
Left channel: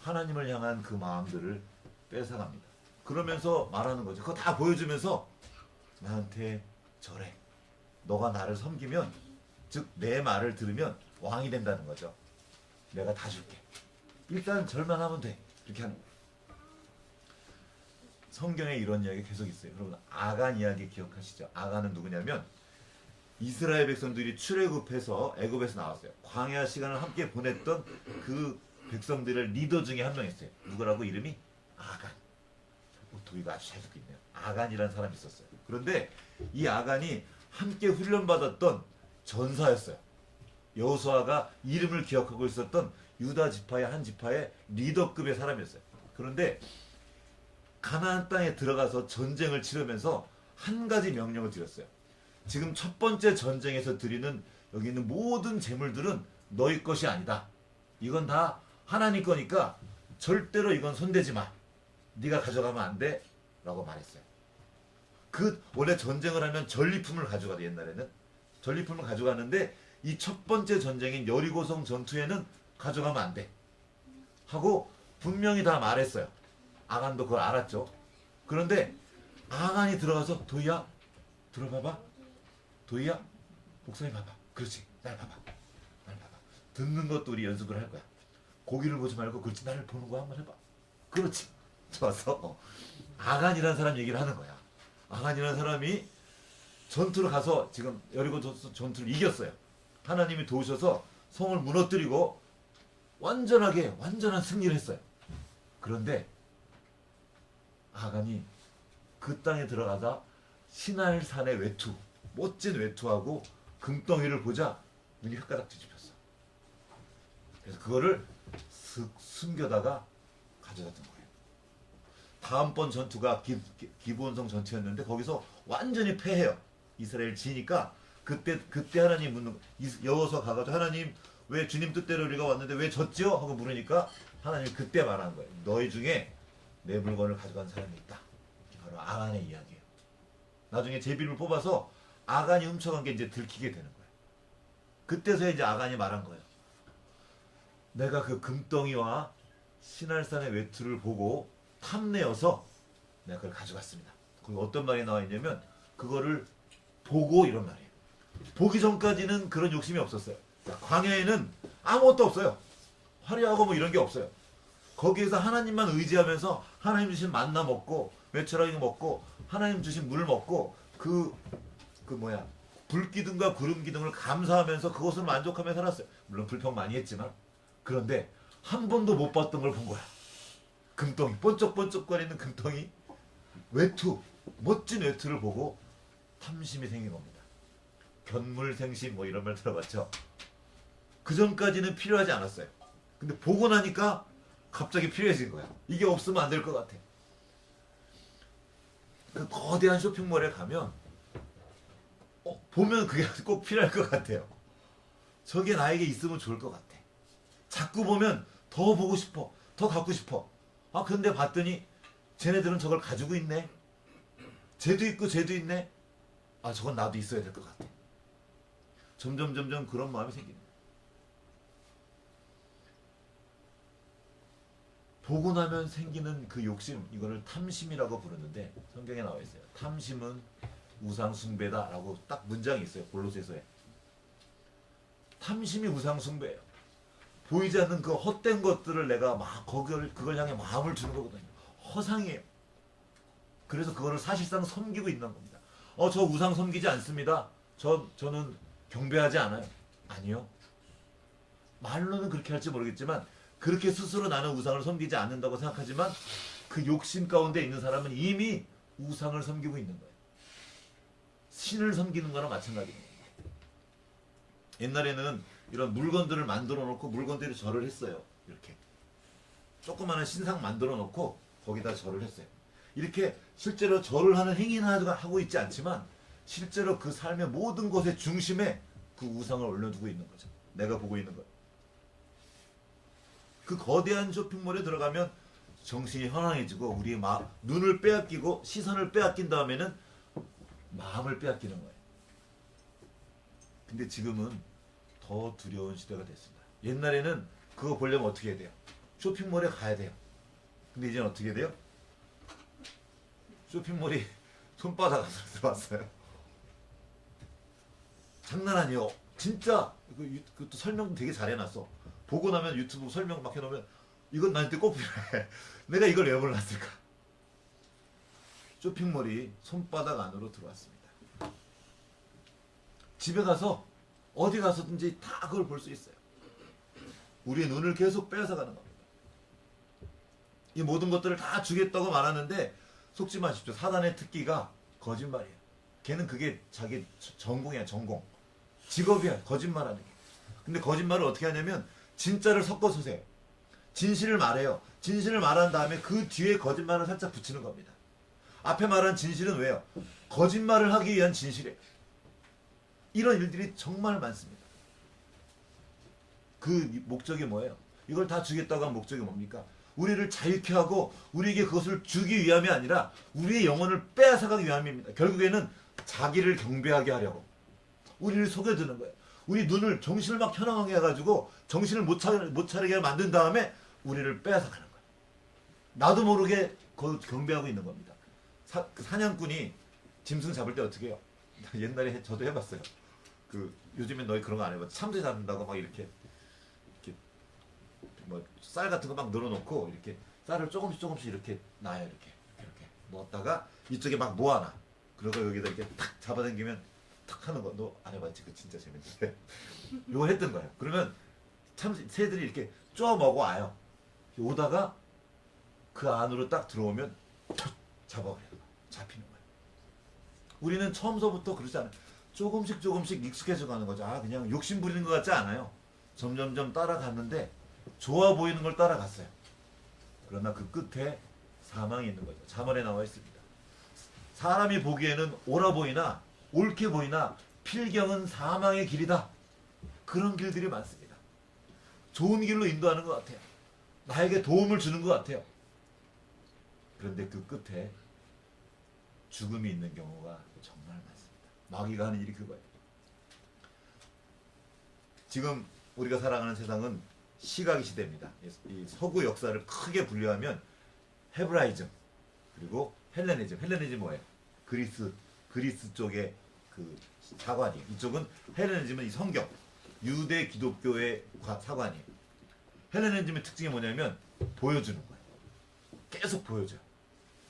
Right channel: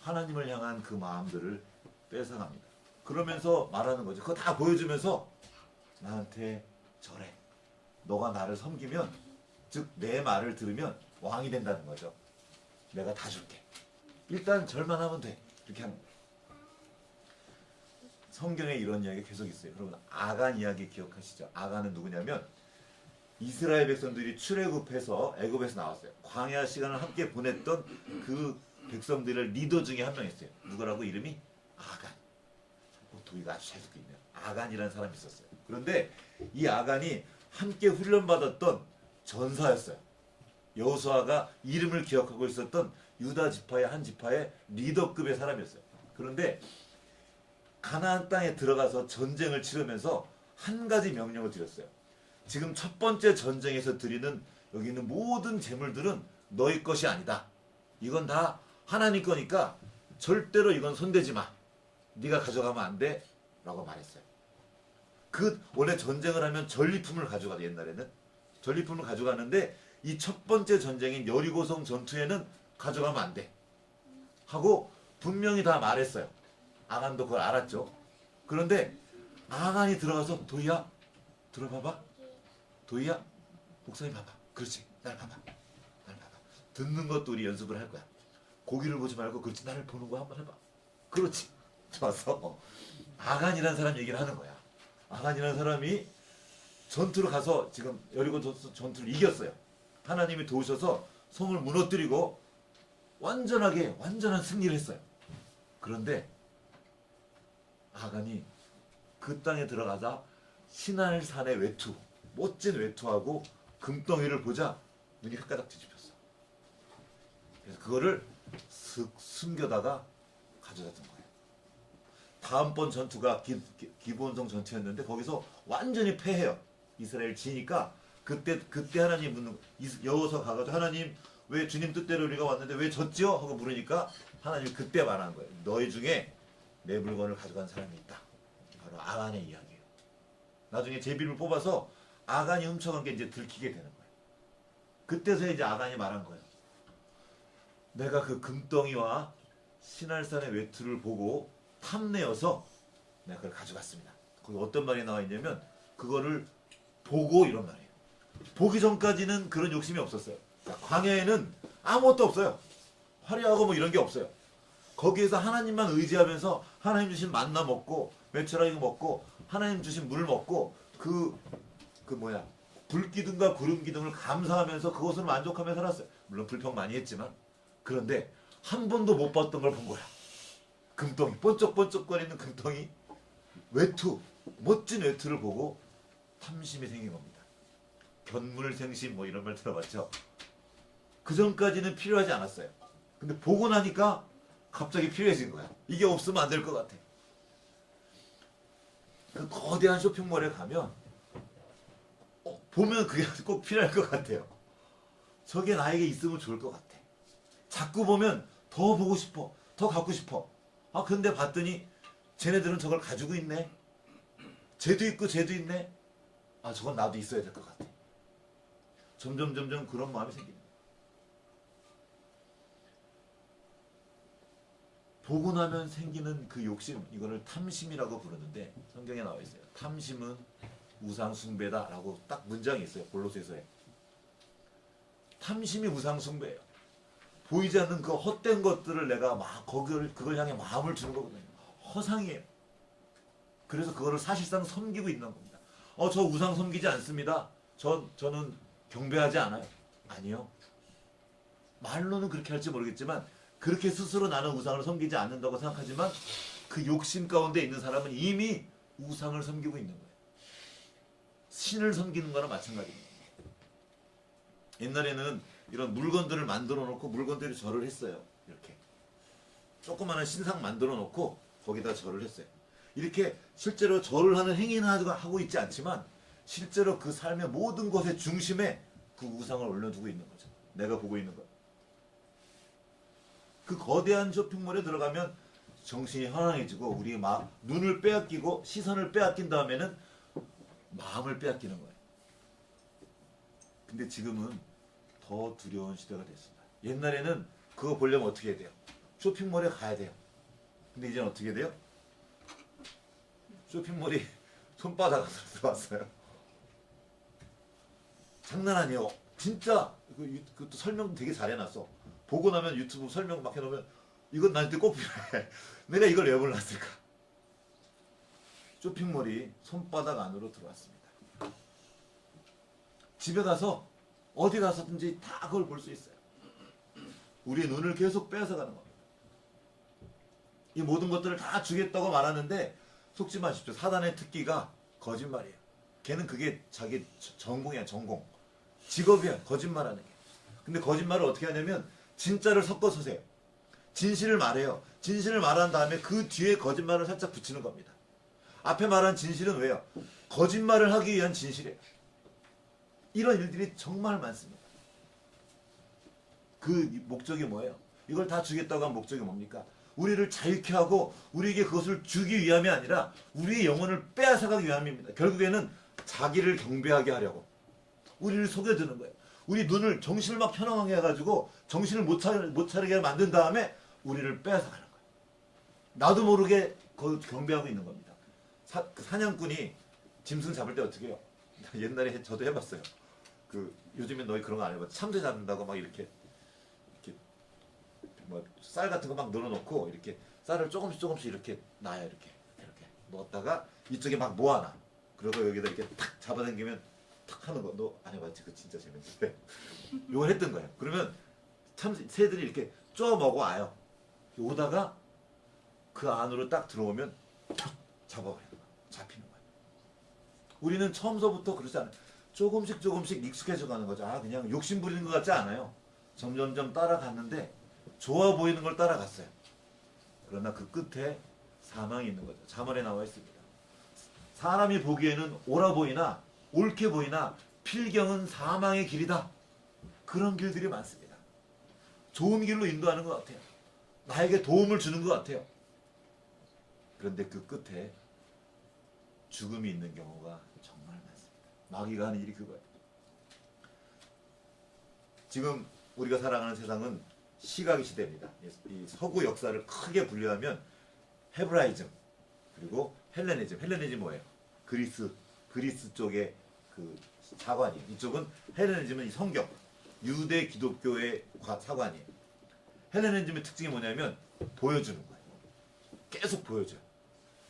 하나님을 향한 그 마음들을 뺏어갑니다. 그러면서 말하는 거죠. 그거 다 보여주면서 나한테 절해. 너가 나를 섬기면, 즉 내 말을 들으면 왕이 된다는 거죠. 내가 다 줄게. 일단 절만 하면 돼. 이렇게 하는 거예요. 성경에 이런 이야기 계속 있어요. 여러분 아간 이야기 기억하시죠? 아간은 누구냐면 이스라엘 백성들이 출애굽해서 애굽에서 나왔어요. 광야 시간을 함께 보냈던 그 백성들의 리더 중에 한 명이었어요. 누구라고? 이름이 아간. 도희가 아주 잘 듣고 있네요. 아간이라는 사람이 있었어요. 그런데 이 아간이 함께 훈련받았던 전사였어요. 여호수아가 이름을 기억하고 있었던 유다 지파의 한 지파의 리더급의 사람이었어요. 그런데 가나안 땅에 들어가서 전쟁을 치르면서 한 가지 명령을 드렸어요. 지금 첫 번째 전쟁에서 드리는 여기 있는 모든 재물들은 너희 것이 아니다. 이건 다 하나님 거니까 절대로 이건 손대지 마. 네가 가져가면 안 돼. 라고 말했어요. 원래 전쟁을 하면 전리품을 가져가요. 옛날에는 전리품을 가져가는데 이 첫 번째 전쟁인 여리고성 전투에는 가져가면 안 돼. 하고 분명히 다 말했어요. 아간도 그걸 알았죠. 그런데 아간이 들어가서 도희야 들어봐봐. 도희야 목사님 봐봐. 그렇지. 날 봐봐. 날 봐봐. 듣는 것도 우리 연습을 할 거야. 고기를 보지 말고 그렇지 나를 보는 거 한번 해봐. 그렇지. 좋았어. 아간이라는 사람 얘기를 하는 거야. 아간이라는 사람이 전투를 가서 지금 여리고 전투를 이겼어요. 하나님이 도우셔서 성을 무너뜨리고 완전한 승리를 했어요. 그런데 아간이 그 땅에 들어가다 시날산의 외투, 멋진 외투하고 금덩이를 보자 눈이 혓가닥 뒤집혔어. 그래서 그거를 슥 숨겨다가 가져갔던 거예요. 다음번 전투가 기브온성 전투였는데 거기서 완전히 패해요. 이스라엘 지니까 그때 하나님 묻는 여호수아 가가지고 하나님 왜 주님 뜻대로 우리가 왔는데 왜 졌죠? 하고 물으니까 하나님 그때 말한 거예요. 너희 중에 내 물건을 가져간 사람이 있다. 이게 바로 아간의 이야기예요. 나중에 제비를 뽑아서 아간이 훔쳐간 게 이제 들키게 되는 거예요. 그때서야 이제 아간이 말한 거예요. 내가 그 금덩이와 시날산의 외투를 보고 탐내어서 내가 그걸 가져갔습니다. 거기 어떤 말이 나와 있냐면 그거를 보고 이런 말이에요. 보기 전까지는 그런 욕심이 없었어요. 광야에는 아무것도 없어요. 화려하고 뭐 이런 게 없어요. 거기에서 하나님만 의지하면서 하나님 주신 만나 먹고 메추라기 먹고 하나님 주신 물 먹고 불기둥과 구름기둥을 감사하면서 그것을 만족하며 살았어요. 물론 불평 많이 했지만 그런데 한 번도 못 봤던 걸 본 거야. 금덩이, 번쩍번쩍거리는 금덩이, 외투, 멋진 외투를 보고 탐심이 생긴 겁니다. 견물생심 뭐 이런 말 들어봤죠? 그 전까지는 필요하지 않았어요. 근데 보고 나니까 갑자기 필요해진 거야. 이게 없으면 안 될 것 같아. 그 거대한 쇼핑몰에 가면 보면 그게 꼭 필요할 것 같아요. 저게 나에게 있으면 좋을 것 같아. 자꾸 보면 더 보고 싶어. 더 갖고 싶어. 근데 봤더니 쟤네들은 저걸 가지고 있네. 쟤도 있고 쟤도 있네. 저건 나도 있어야 될 것 같아. 점점 그런 마음이 생깁니다. 보고 나면 생기는 그 욕심, 이거를 탐심이라고 부르는데 성경에 나와 있어요. 탐심은 우상 숭배다라고 딱 문장이 있어요. 골로새서에. 탐심이 우상 숭배예요. 보이지 않는 그 헛된 것들을 내가 막 그걸 향해 마음을 주는 거거든요. 허상이에요. 그래서 그거를 사실상 섬기고 있는 겁니다. 저 우상 섬기지 않습니다. 저는 경배하지 않아요. 아니요. 말로는 그렇게 할지 모르겠지만 그렇게 스스로 나는 우상을 섬기지 않는다고 생각하지만 그 욕심 가운데 있는 사람은 이미 우상을 섬기고 있는 거예요. 신을 섬기는 거나 마찬가지입니다. 옛날에는 이런 물건들을 만들어 놓고 물건대로 절을 했어요. 이렇게 조그마한 신상 만들어 놓고 거기다 절을 했어요. 이렇게 실제로 절을 하는 행위는 하고 있지 않지만 실제로 그 삶의 모든 것의 중심에 그 우상을 올려두고 있는 거죠. 내가 보고 있는 거. 그 거대한 쇼핑몰에 들어가면 정신이 현황해지고 우리의 눈을 빼앗기고 시선을 빼앗긴 다음에는 마음을 빼앗기는 거예요. 근데 지금은 더 두려운 시대가 됐습니다. 옛날에는 그거 보려면 어떻게 해야 돼요? 쇼핑몰에 가야 돼요. 근데 이제는 어떻게 돼요? 쇼핑몰이 손바닥 안으로 들어왔어요. 장난 아니에요. 진짜 그것도 설명도 되게 잘 해놨어. 보고 나면 유튜브 설명 막 해놓으면 이건 나한테 꼭 필요해. 내가 이걸 왜 몰랐을까? 쇼핑몰이 손바닥 안으로 들어왔습니다. 집에 가서 어디 가서든지 다 그걸 볼 수 있어요. 우리의 눈을 계속 빼앗아가는 겁니다. 이 모든 것들을 다 주겠다고 말하는데 속지 마십시오. 사단의 특기가 거짓말이에요. 걔는 그게 자기 전공이야. 전공. 직업이야. 거짓말하는 거. 근데 거짓말을 어떻게 하냐면 진짜를 섞어서 세요. 진실을 말해요. 진실을 말한 다음에 그 뒤에 거짓말을 살짝 붙이는 겁니다. 앞에 말한 진실은 왜요? 거짓말을 하기 위한 진실이에요. 이런 일들이 정말 많습니다. 그 목적이 뭐예요? 이걸 다 주겠다고 한 목적이 뭡니까? 우리를 자유케 하고 우리에게 그것을 주기 위함이 아니라 우리의 영혼을 빼앗아가기 위함입니다. 결국에는 자기를 경배하게 하려고 우리를 속여주는 거예요. 우리 눈을 정신을 막 현황하게 해가지고 정신을 못 차리게 만든 다음에 우리를 빼앗아가는 거예요. 나도 모르게 그걸 경배하고 있는 겁니다. 사냥꾼이 짐승 잡을 때 어떻게 해요? 옛날에 저도 해봤어요. 요즘엔 너희 그런 거 안 해봤어. 참새 잡는다고 막 이렇게 뭐 쌀 같은 거 막 늘어놓고 이렇게 쌀을 조금씩 이렇게 놔요. 이렇게 넣었다가 이쪽에 막 모아놔. 그리고 여기다 이렇게 탁 잡아당기면 탁 하는 거. 너 안 해봤지? 그거 진짜 재밌는데. 이걸 했던 거예요. 그러면 참 새들이 이렇게 쪼 먹어 와요. 오다가 그 안으로 딱 들어오면 툭 잡아버려요. 잡히는 거예요. 우리는 처음서부터 그러지 않아요. 조금씩 익숙해져 가는 거죠. 아, 그냥 욕심 부리는 것 같지 않아요. 점점점 따라갔는데 좋아 보이는 걸 따라갔어요. 그러나 그 끝에 사망이 있는 거죠. 자문에 나와 있습니다. 사람이 보기에는 옳아 보이나 옳게 보이나 필경은 사망의 길이다. 그런 길들이 많습니다. 좋은 길로 인도하는 것 같아요. 나에게 도움을 주는 것 같아요. 그런데 그 끝에 죽음이 있는 경우가 정말 많습니다. 마귀가 하는 일이 그거예요. 지금 우리가 살아가는 세상은 시각의 시대입니다. 이 서구 역사를 크게 분류하면 헤브라이즘 그리고 헬레니즘. 헬레니즘 뭐예요? 그리스 쪽의 그 사관이에요. 이쪽은 헬레니즘은 이 성경, 유대 기독교의 사관이에요. 헬레니즘의 특징이 뭐냐면 보여주는 거예요. 계속 보여줘요.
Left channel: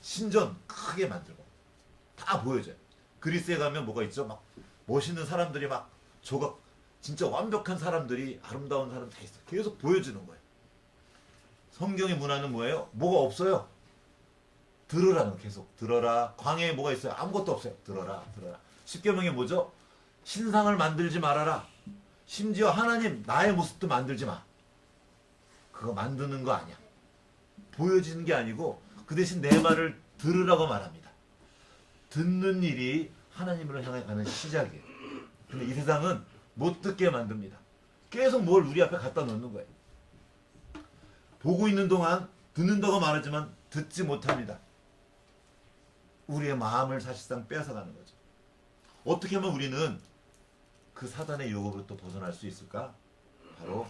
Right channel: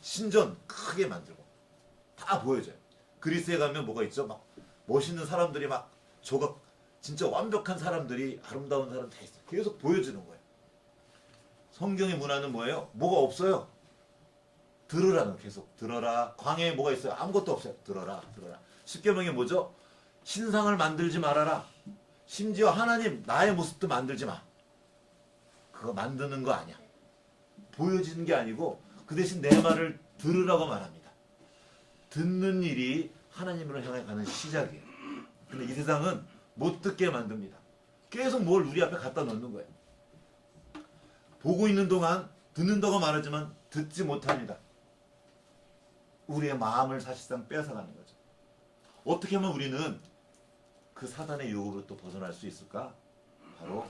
신전 크게 만들고 다 보여줘요. 그리스에 가면 뭐가 있죠? 막 멋있는 사람들이 막 조각 진짜 완벽한 사람들이 아름다운 사람 다 있어. 계속 보여주는 거예요. 성경의 문화는 뭐예요? 뭐가 없어요. 들으라는 거 계속 들어라. 광야에 뭐가 있어요? 아무것도 없어요. 들어라. 십계명이 뭐죠? 신상을 만들지 말아라. 심지어 하나님 나의 모습도 만들지 마. 그거 만드는 거 아니야. 보여지는 게 아니고 그 대신 내 말을 들으라고 말합니다. 듣는 일이 하나님으로 향해 가는 시작이에요. 근데 이 세상은 못 듣게 만듭니다. 계속 뭘 우리 앞에 갖다 놓는 거예요. 보고 있는 동안 듣는다고 말하지만 듣지 못합니다. 우리의 마음을 사실상 뺏어가는 거죠. 어떻게 하면 우리는 그 사단의 유혹으로부터 벗어날 수 있을까? 바로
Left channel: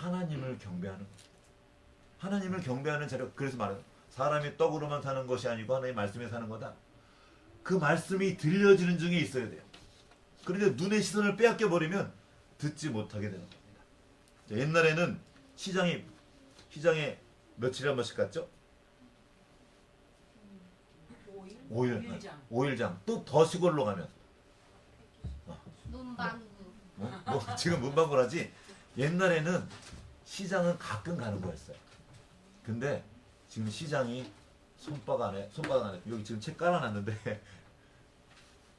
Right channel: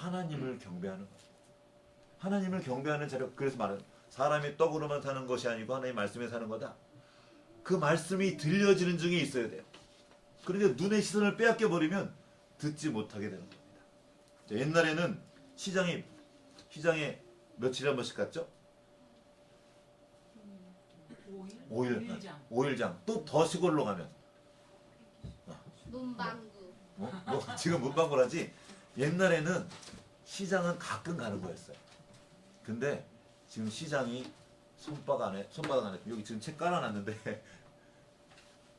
하나님을 경배하는 거죠. 하나님을 경배하는 자료. 그래서 말은 사람이 떡으로만 사는 것이 아니고 하나님의 말씀에 사는 거다. 그 말씀이 들려지는 중에 있어야 돼요. 그런데 눈의 시선을 빼앗겨 버리면 듣지 못하게 되는 겁니다. 옛날에는 시장에 며칠에 한 번씩 갔죠? 5일장. 또 더 시골로 가면 문방구. 지금 문방구라지. 옛날에는 시장은 가끔 가는 거였어요. 근데 지금 시장이 손바닥 안에 여기 지금 책 깔아놨는데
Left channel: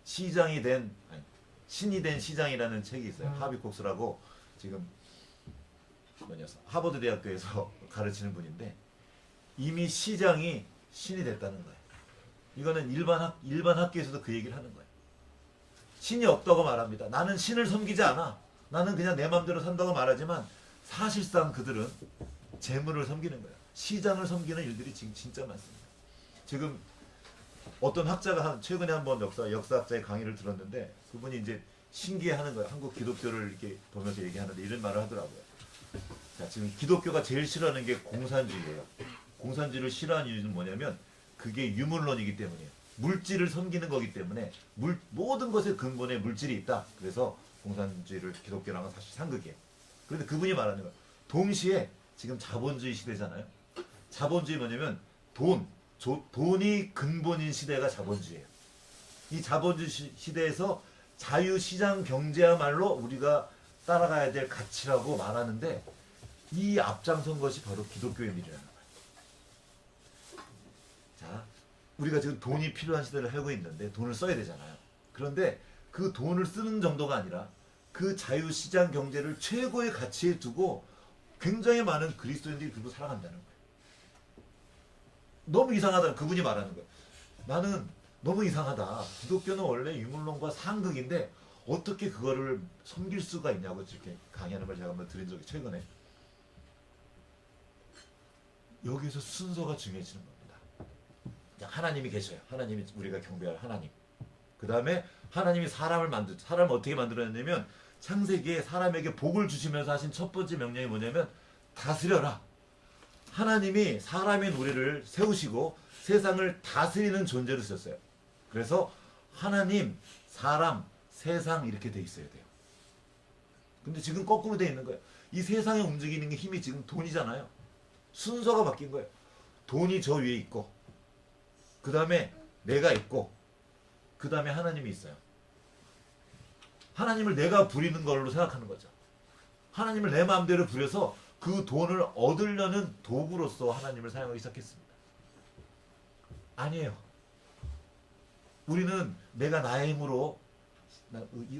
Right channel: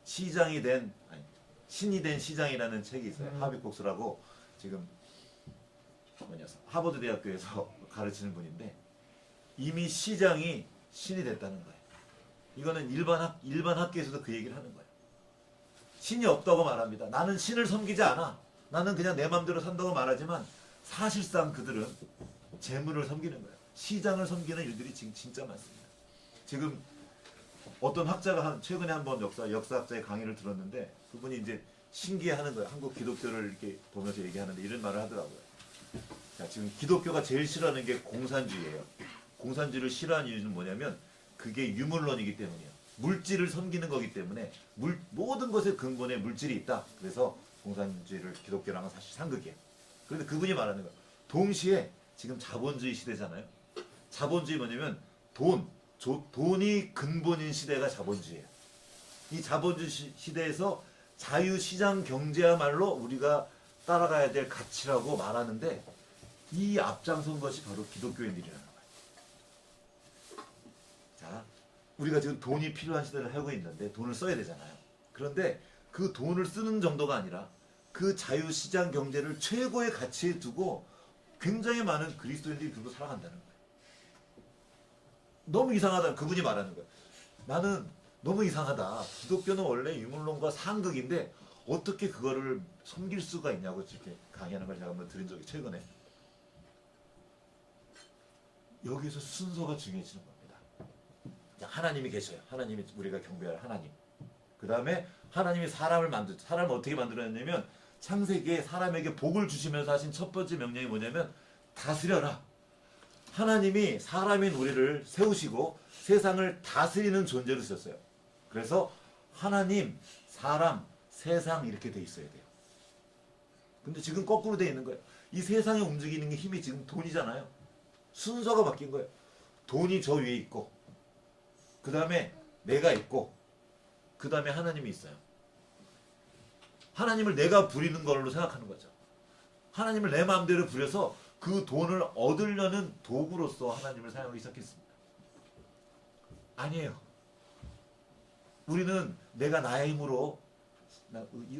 신이 된 시장이라는 책이 있어요. 하비콕스라고 지금 하버드 대학교에서 가르치는 분인데 이미 시장이 신이 됐다는 거예요. 이거는 일반 학교에서도 그 얘기를 하는 거예요. 신이 없다고 말합니다. 나는 신을 섬기지 않아. 나는 그냥 내 마음대로 산다고 말하지만 사실상 그들은 재물을 섬기는 거예요. 시장을 섬기는 일들이 지금 진짜 많습니다. 지금 어떤 학자가 최근에 한번 역사학자의 강의를 들었는데 그분이 이제 신기해하는 거예요. 한국 기독교를 이렇게 보면서 얘기하는데 이런 말을 하더라고요. 자, 지금 기독교가 제일 싫어하는 게 공산주의예요. 공산주의를 싫어하는 이유는 뭐냐면 그게 유물론이기 때문이에요. 물질을 섬기는 거기 때문에 모든 것의 근본에 물질이 있다. 그래서 공산주의를 기독교랑은 사실 상극이에요. 그런데 그분이 말하는 거예요. 동시에 지금 자본주의 시대잖아요. 자본주의 뭐냐면 돈이 근본인 시대가 자본주의예요. 이 자본주의 시대에서 자유시장 경제야말로 우리가 따라가야 될 가치라고 말하는데 이 앞장선 것이 바로 기독교인들이라는 거예요. 자, 우리가 지금 돈이 필요한 시대를 하고 있는데 돈을 써야 되잖아요. 그런데 그 돈을 쓰는 정도가 아니라 그 자유시장 경제를 최고의 가치에 두고 굉장히 많은 그리스도인들이 그거 살아간다는 거예요. 너무 이상하다. 그분이 말하는 거예요. 나는 너무 이상하다. 기독교는 원래 유물론과 상극인데 어떻게 그거를 섬길 수가 있냐고 이렇게 강의하는 걸 제가 한번 들은 적이 최근에. 여기서 순서가 중요해지는 겁니다. 하나님이 계셔요. 하나님이 우리가 경배할 하나님. 그 다음에 하나님이 사람을 어떻게 만들어냈냐면 창세기에 사람에게 복을 주시면서 하신 첫 번째 명령이 뭐냐면 다스려라. 하나님이 사람인 우리를 세우시고 세상을 다스리는 존재로 쓰셨어요. 그래서 하나님, 사람, 세상 이렇게 돼 있어야 돼요. 근데 지금 거꾸로 돼 있는 거예요. 이 세상에 움직이는 게 힘이 지금 돈이잖아요. 순서가 바뀐 거예요. 돈이 저 위에 있고, 그 다음에 내가 있고, 그 다음에 하나님이 있어요. 하나님을 내가 부리는 걸로 생각하는 거죠. 하나님을 내 마음대로 부려서 그 돈을 얻으려는 도구로서 하나님을 사용하기 시작했습니다. 아니에요. 우리는 내가 나의 힘으로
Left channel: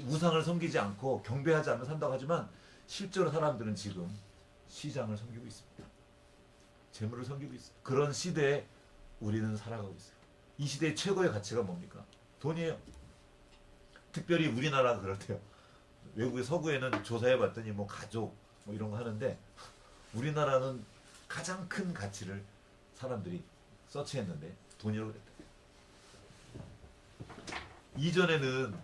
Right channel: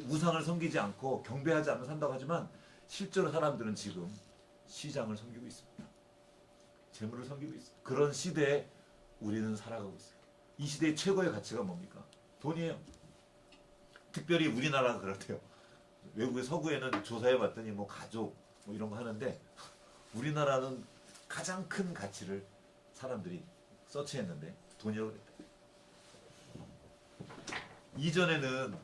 우상을 섬기지 않고 경배하지 않으며 산다고 하지만 실제로 사람들은 지금 시장을 섬기고 있습니다. 재물을 섬기고 있어요. 그런 시대에 우리는 살아가고 있어요. 이 시대의 최고의 가치가 뭡니까? 돈이에요. 특별히 우리나라가 그렇대요. 외국의 서구에는 조사해 봤더니 뭐 가족 뭐 이런 거 하는데 우리나라는 가장 큰 가치를 사람들이 서치했는데 돈이라고 그랬대요. 이전에는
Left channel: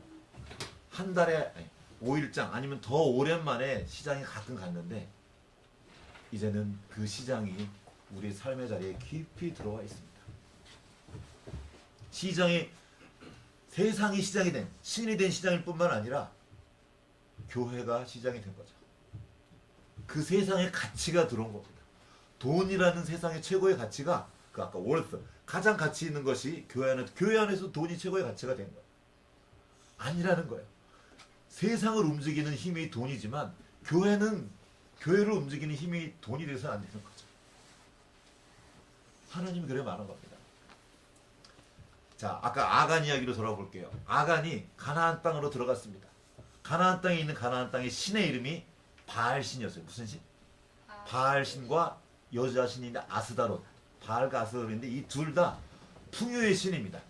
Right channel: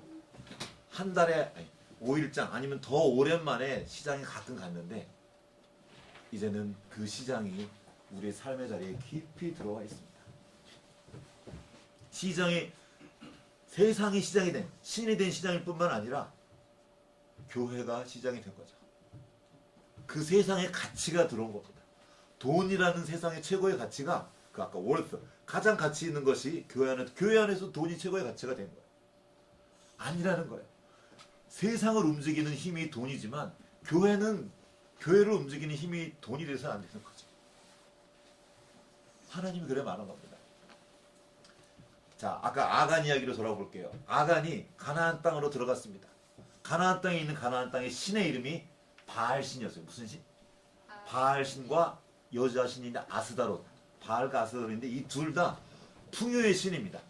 한 달에 5일장 아니면 더 오랜만에 시장에 가끔 갔는데 이제는 그 시장이 우리의 삶의 자리에 깊이 들어와 있습니다. 시장이 세상이 시장이 된 신이 된 시장일 뿐만 아니라 교회가 시장이 된 거죠. 그 세상의 가치가 들어온 겁니다. 돈이라는 세상의 최고의 가치가 그 아까 월스 가장 가치 있는 것이 교회 안에서 돈이 최고의 가치가 된 거예요. 아니라는 거예요. 세상을 움직이는 힘이 돈이지만 교회를 움직이는 힘이 돈이 돼서는 안 되는 거죠. 하나님이 그래 말한 겁니다. 자, 아까 아간 이야기로 돌아볼게요. 아간이 가나안 땅으로 들어갔습니다. 가나안 땅에 있는 가나안 땅의 신의 이름이 바알신이었어요. 무슨 신? 바알신과 여자 신인데 아스다롯. 바알과 아스다롯인데 이 둘 다 풍요의 신입니다.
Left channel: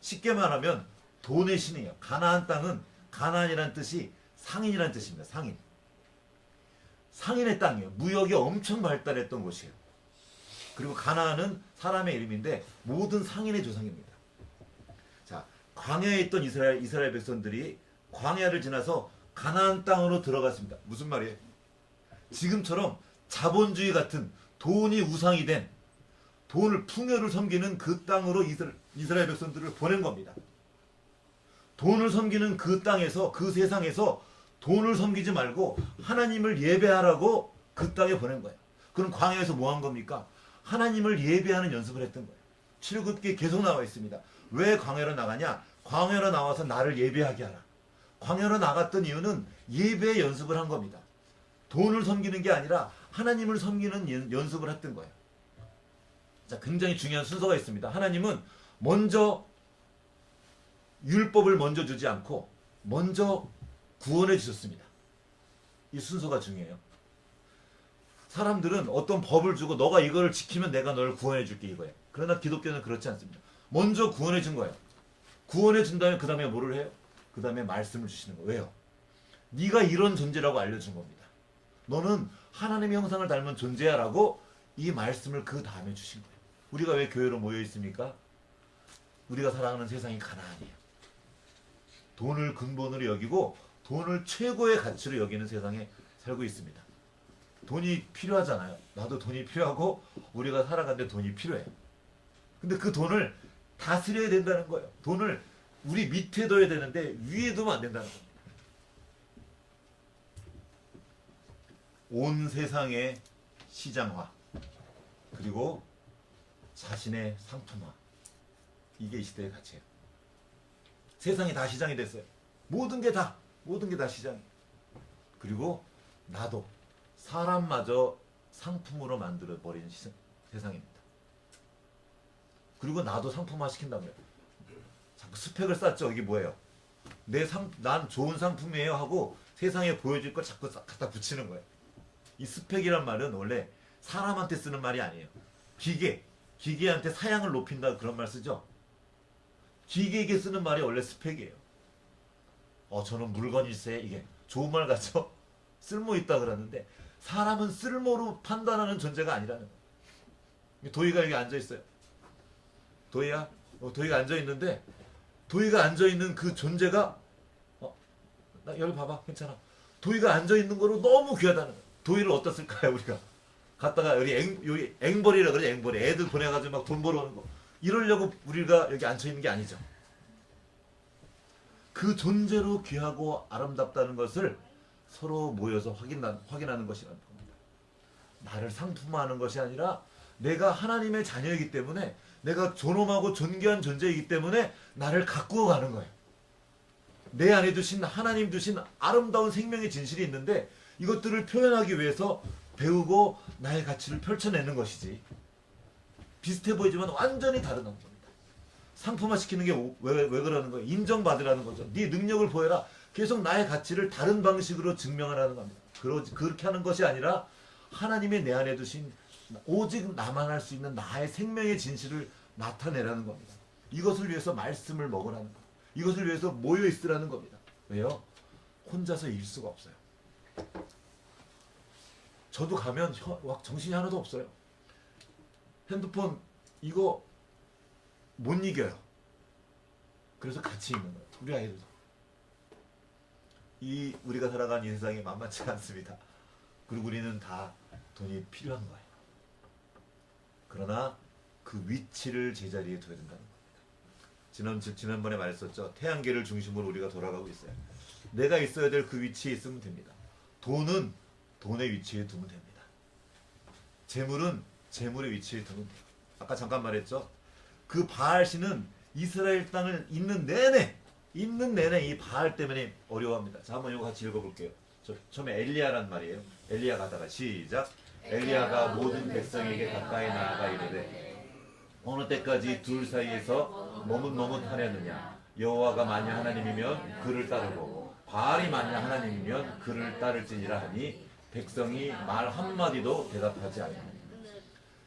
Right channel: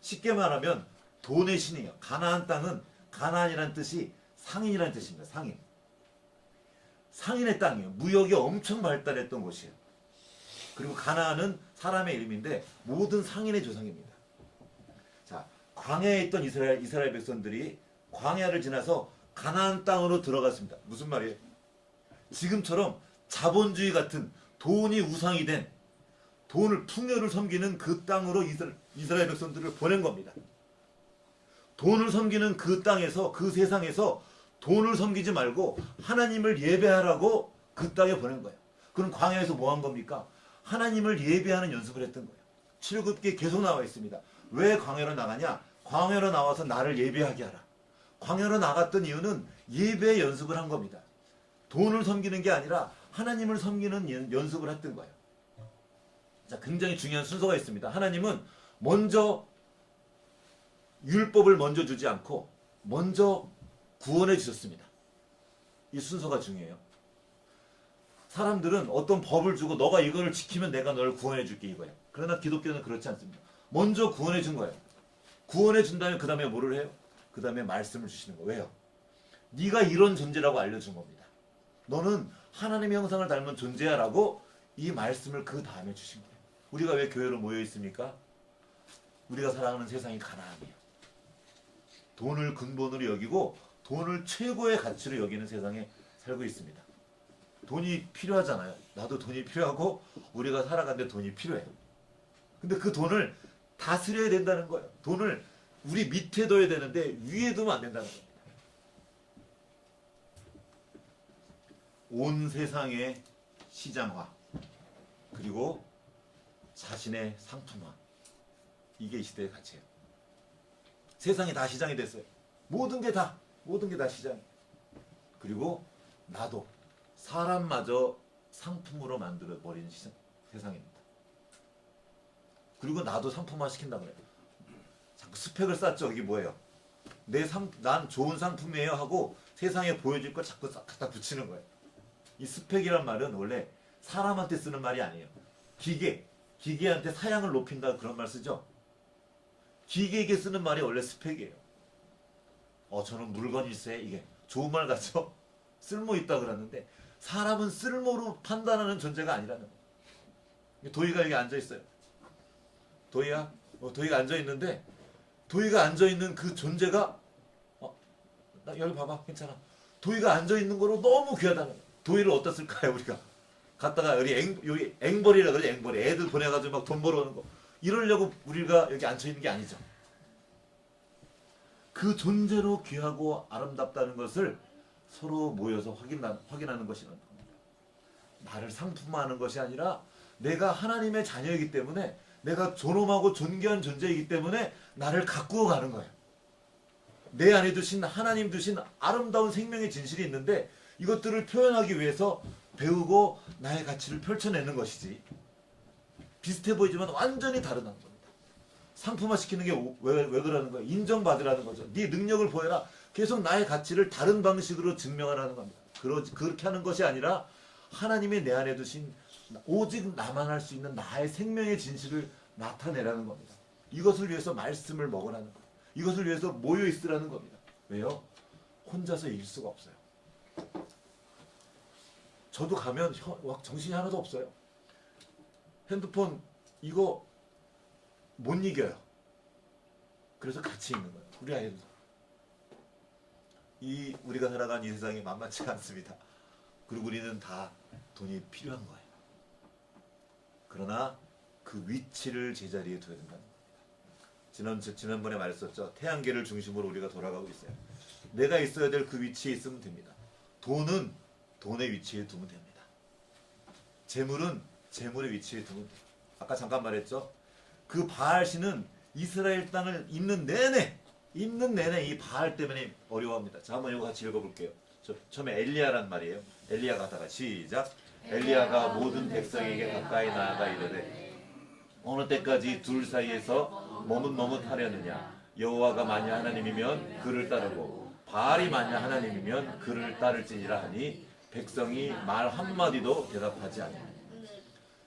쉽게 말하면 돈의 신이에요. 가나안 땅은 가나안이라는 뜻이 상인이라는 뜻입니다. 상인. 상인의 땅이에요. 무역이 엄청 발달했던 곳이에요. 그리고 가나안은 사람의 이름인데 모든 상인의 조상입니다. 자, 광야에 있던 이스라엘 백성들이 광야를 지나서 가나안 땅으로 들어갔습니다. 무슨 말이에요? 지금처럼 자본주의 같은 돈이 우상이 된 풍요를 섬기는 그 땅으로 이스라엘 백성들을 보낸 겁니다. 돈을 섬기는 그 땅에서 그 세상에서 돈을 섬기지 말고 하나님을 예배하라고 그 땅에 보낸 거예요. 그럼 광야에서 뭐 한 겁니까? 하나님을 예배하는 연습을 했던 거예요. 출애굽기에 계속 나와 있습니다. 왜 광야로 나가냐? 광야로 나와서 나를 예배하게 하라. 광야로 나갔던 이유는 예배의 연습을 한 겁니다. 돈을 섬기는 게 아니라 하나님을 섬기는 연습을 했던 거예요. 자, 굉장히 중요한 순서가 있습니다. 하나님은 먼저 율법을 먼저 주지 않고 먼저 구원해 주셨습니다. 이 순서가 중요해요. 사람들은 어떤 법을 주고 너가 이거를 지키면 내가 너를 구원해 줄게 이거예요. 그러나 기독교는 그렇지 않습니다. 먼저 구원해 준 거예요. 구원해 준다면 그 다음에 뭐를 해요? 그 다음에 말씀을 주시는 거예요. 왜요? 네가 이런 존재라고 알려준 겁니다. 너는 하나님의 형상을 닮은 존재야라고 이 말씀을 그 다음에 주신 거예요. 우리가 왜 교회로 모여 있습니까? 우리가 살아가는 세상이 가난해요. 돈을 근본으로 여기고 돈을 최고의 가치로 여기는 세상에 살고 있습니다. 돈이 필요하잖아요. 나도 돈이 필요하고 우리가 살아가는데 돈이 필요해. 근데 그 돈을 다스려야 된다는 거예요. 돈을 우리 밑에 둬야 되는데 위에 두면 안 된다는 겁니다. 온 세상의 시장화 그리고 자신의 상품화 이게 이 시대의 가치예요. 세상이 다 시장이 됐어요. 모든 게 다 시장이에요. 그리고 나도 사람마저 상품으로 만들어버리는 세상입니다. 그리고 나도 상품화 시킨단 말이에요. 자꾸 스펙을 쌓죠. 여기 뭐예요? 난 좋은 상품이에요 하고 세상에 보여줄 걸 자꾸 갖다 붙이는 거예요. 이 스펙이란 말은 원래 사람한테 쓰는 말이 아니에요. 기계한테 사양을 높인다 그런 말 쓰죠. 기계에게 쓰는 말이 원래 스펙이에요. 저는 물건일세 이게 좋은 말 같죠? 쓸모 있다 그러는데 사람은 쓸모로 판단하는 존재가 아니라는 거예요. 도희가 여기 앉아 있어요. 도희야, 도희가 앉아 있는데 도희가 앉아 있는 그 존재가 나 여기 봐봐 괜찮아. 도희가 앉아 있는 거로 너무 귀하다는 거예요. 도희를 어디다 쓸까요 우리가? 갔다가 여기 앵벌이라 그래 앵벌이 애들 보내가지고 막 돈 벌어오는 거 이러려고 우리가 여기 앉아 있는 게 아니죠. 그 존재로 귀하고 아름답다는 것을 서로 모여서 확인하는 것이 겁니다. 나를 상품화하는 것이 아니라 내가 하나님의 자녀이기 때문에, 내가 존엄하고 존귀한 존재이기 때문에 나를 가꾸어 가는 거예요. 내 안에 두신 하나님 주신 아름다운 생명의 진실이 있는데 이것들을 표현하기 위해서 배우고 나의 가치를 펼쳐내는 것이지, 비슷해 보이지만 완전히 다른 겁니다. 상품화시키는 게 왜 그러는 거예요? 인정받으라는 거죠. 네 능력을 보여라. 계속 나의 가치를 다른 방식으로 증명하라는 겁니다. 그렇게 하는 것이 아니라 하나님의 내 안에 두신 오직 나만 할 수 있는 나의 생명의 진실을 나타내라는 겁니다. 이것을 위해서 말씀을 먹으라는 거예요. 이것을 위해서 모여 있으라는 겁니다. 왜요? 혼자서 일 수가 없어요. 저도 가면 정신이 하나도 없어요. 핸드폰 이거 못 이겨요. 그래서 같이 있는 거예요. 우리 아이들도. 우리가 살아가는 이 세상이 만만치 않습니다. 그리고 우리는 다 돈이 필요한 거예요. 그러나 그 위치를 제자리에 둬야 된다는 겁니다. 지난번에 말했었죠. 태양계를 중심으로 우리가 돌아가고 있어요. 내가 있어야 될 그 위치에 있으면 됩니다. 돈은 돈의 위치에 두면 됩니다. 재물은 재물의 위치에 두면 돼요. 아까 잠깐 말했죠. 그 바알신은 이스라엘 땅을 있는 내내 이 바알 때문에 어려워합니다. 자, 한번 이거 같이 읽어볼게요. 처음에 엘리야란 말이에요. 엘리야가 하다가 시작. 엘리야가 모든 백성에게 가까이 나아가 이르되 어느 때까지 둘 사이에서 머뭇머뭇하려느냐. 여호와가 만약 하나님이면 그를 따르고 바알이 만약 하나님이면 그를 따를지니라 하니 백성이 말 한마디도 대답하지 않아요.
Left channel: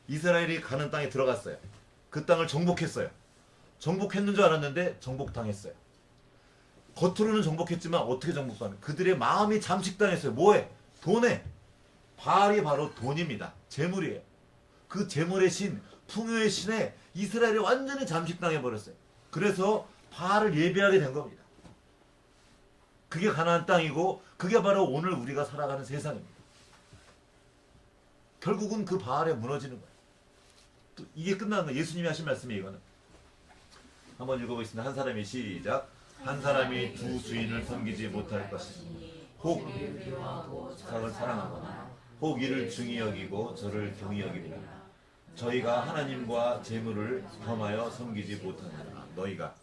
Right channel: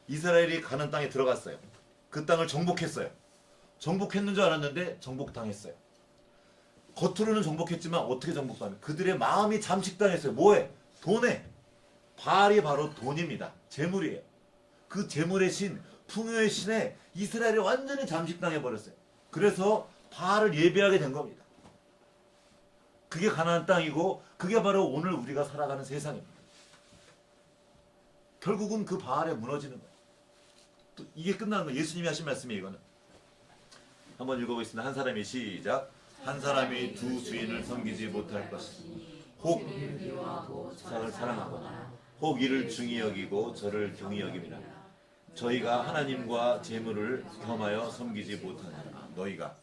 이스라엘이 가는 땅에 들어갔어요. 그 땅을 정복했어요. 정복했는 줄 알았는데 정복당했어요. 겉으로는 정복했지만 어떻게 정복당해요? 그들의 마음이 잠식당했어요. 뭐에? 돈에. 바알이 바로 돈입니다. 재물이에요. 그 재물의 신, 풍요의 신에 이스라엘이 완전히 잠식당해 버렸어요. 그래서 바알을 예배하게 된 겁니다. 그게 가나안 땅이고 그게 바로 오늘 우리가 살아가는 세상입니다. 결국은 그 바알에 무너지는 거예요. 또 이게 끝나는 거예요. 예수님이 하신 말씀이에요. 이거는 한번 읽어보겠습니다. 한 사람이 시작. 한 사람이 두 주인을 섬기지 못할 것이니 혹 저를 사랑하거나 혹 이를 중히 여기고 저를 경히 여김이라. 저희가 하나님과 재물을 겸하여 섬기지 못하느냐. 너희가,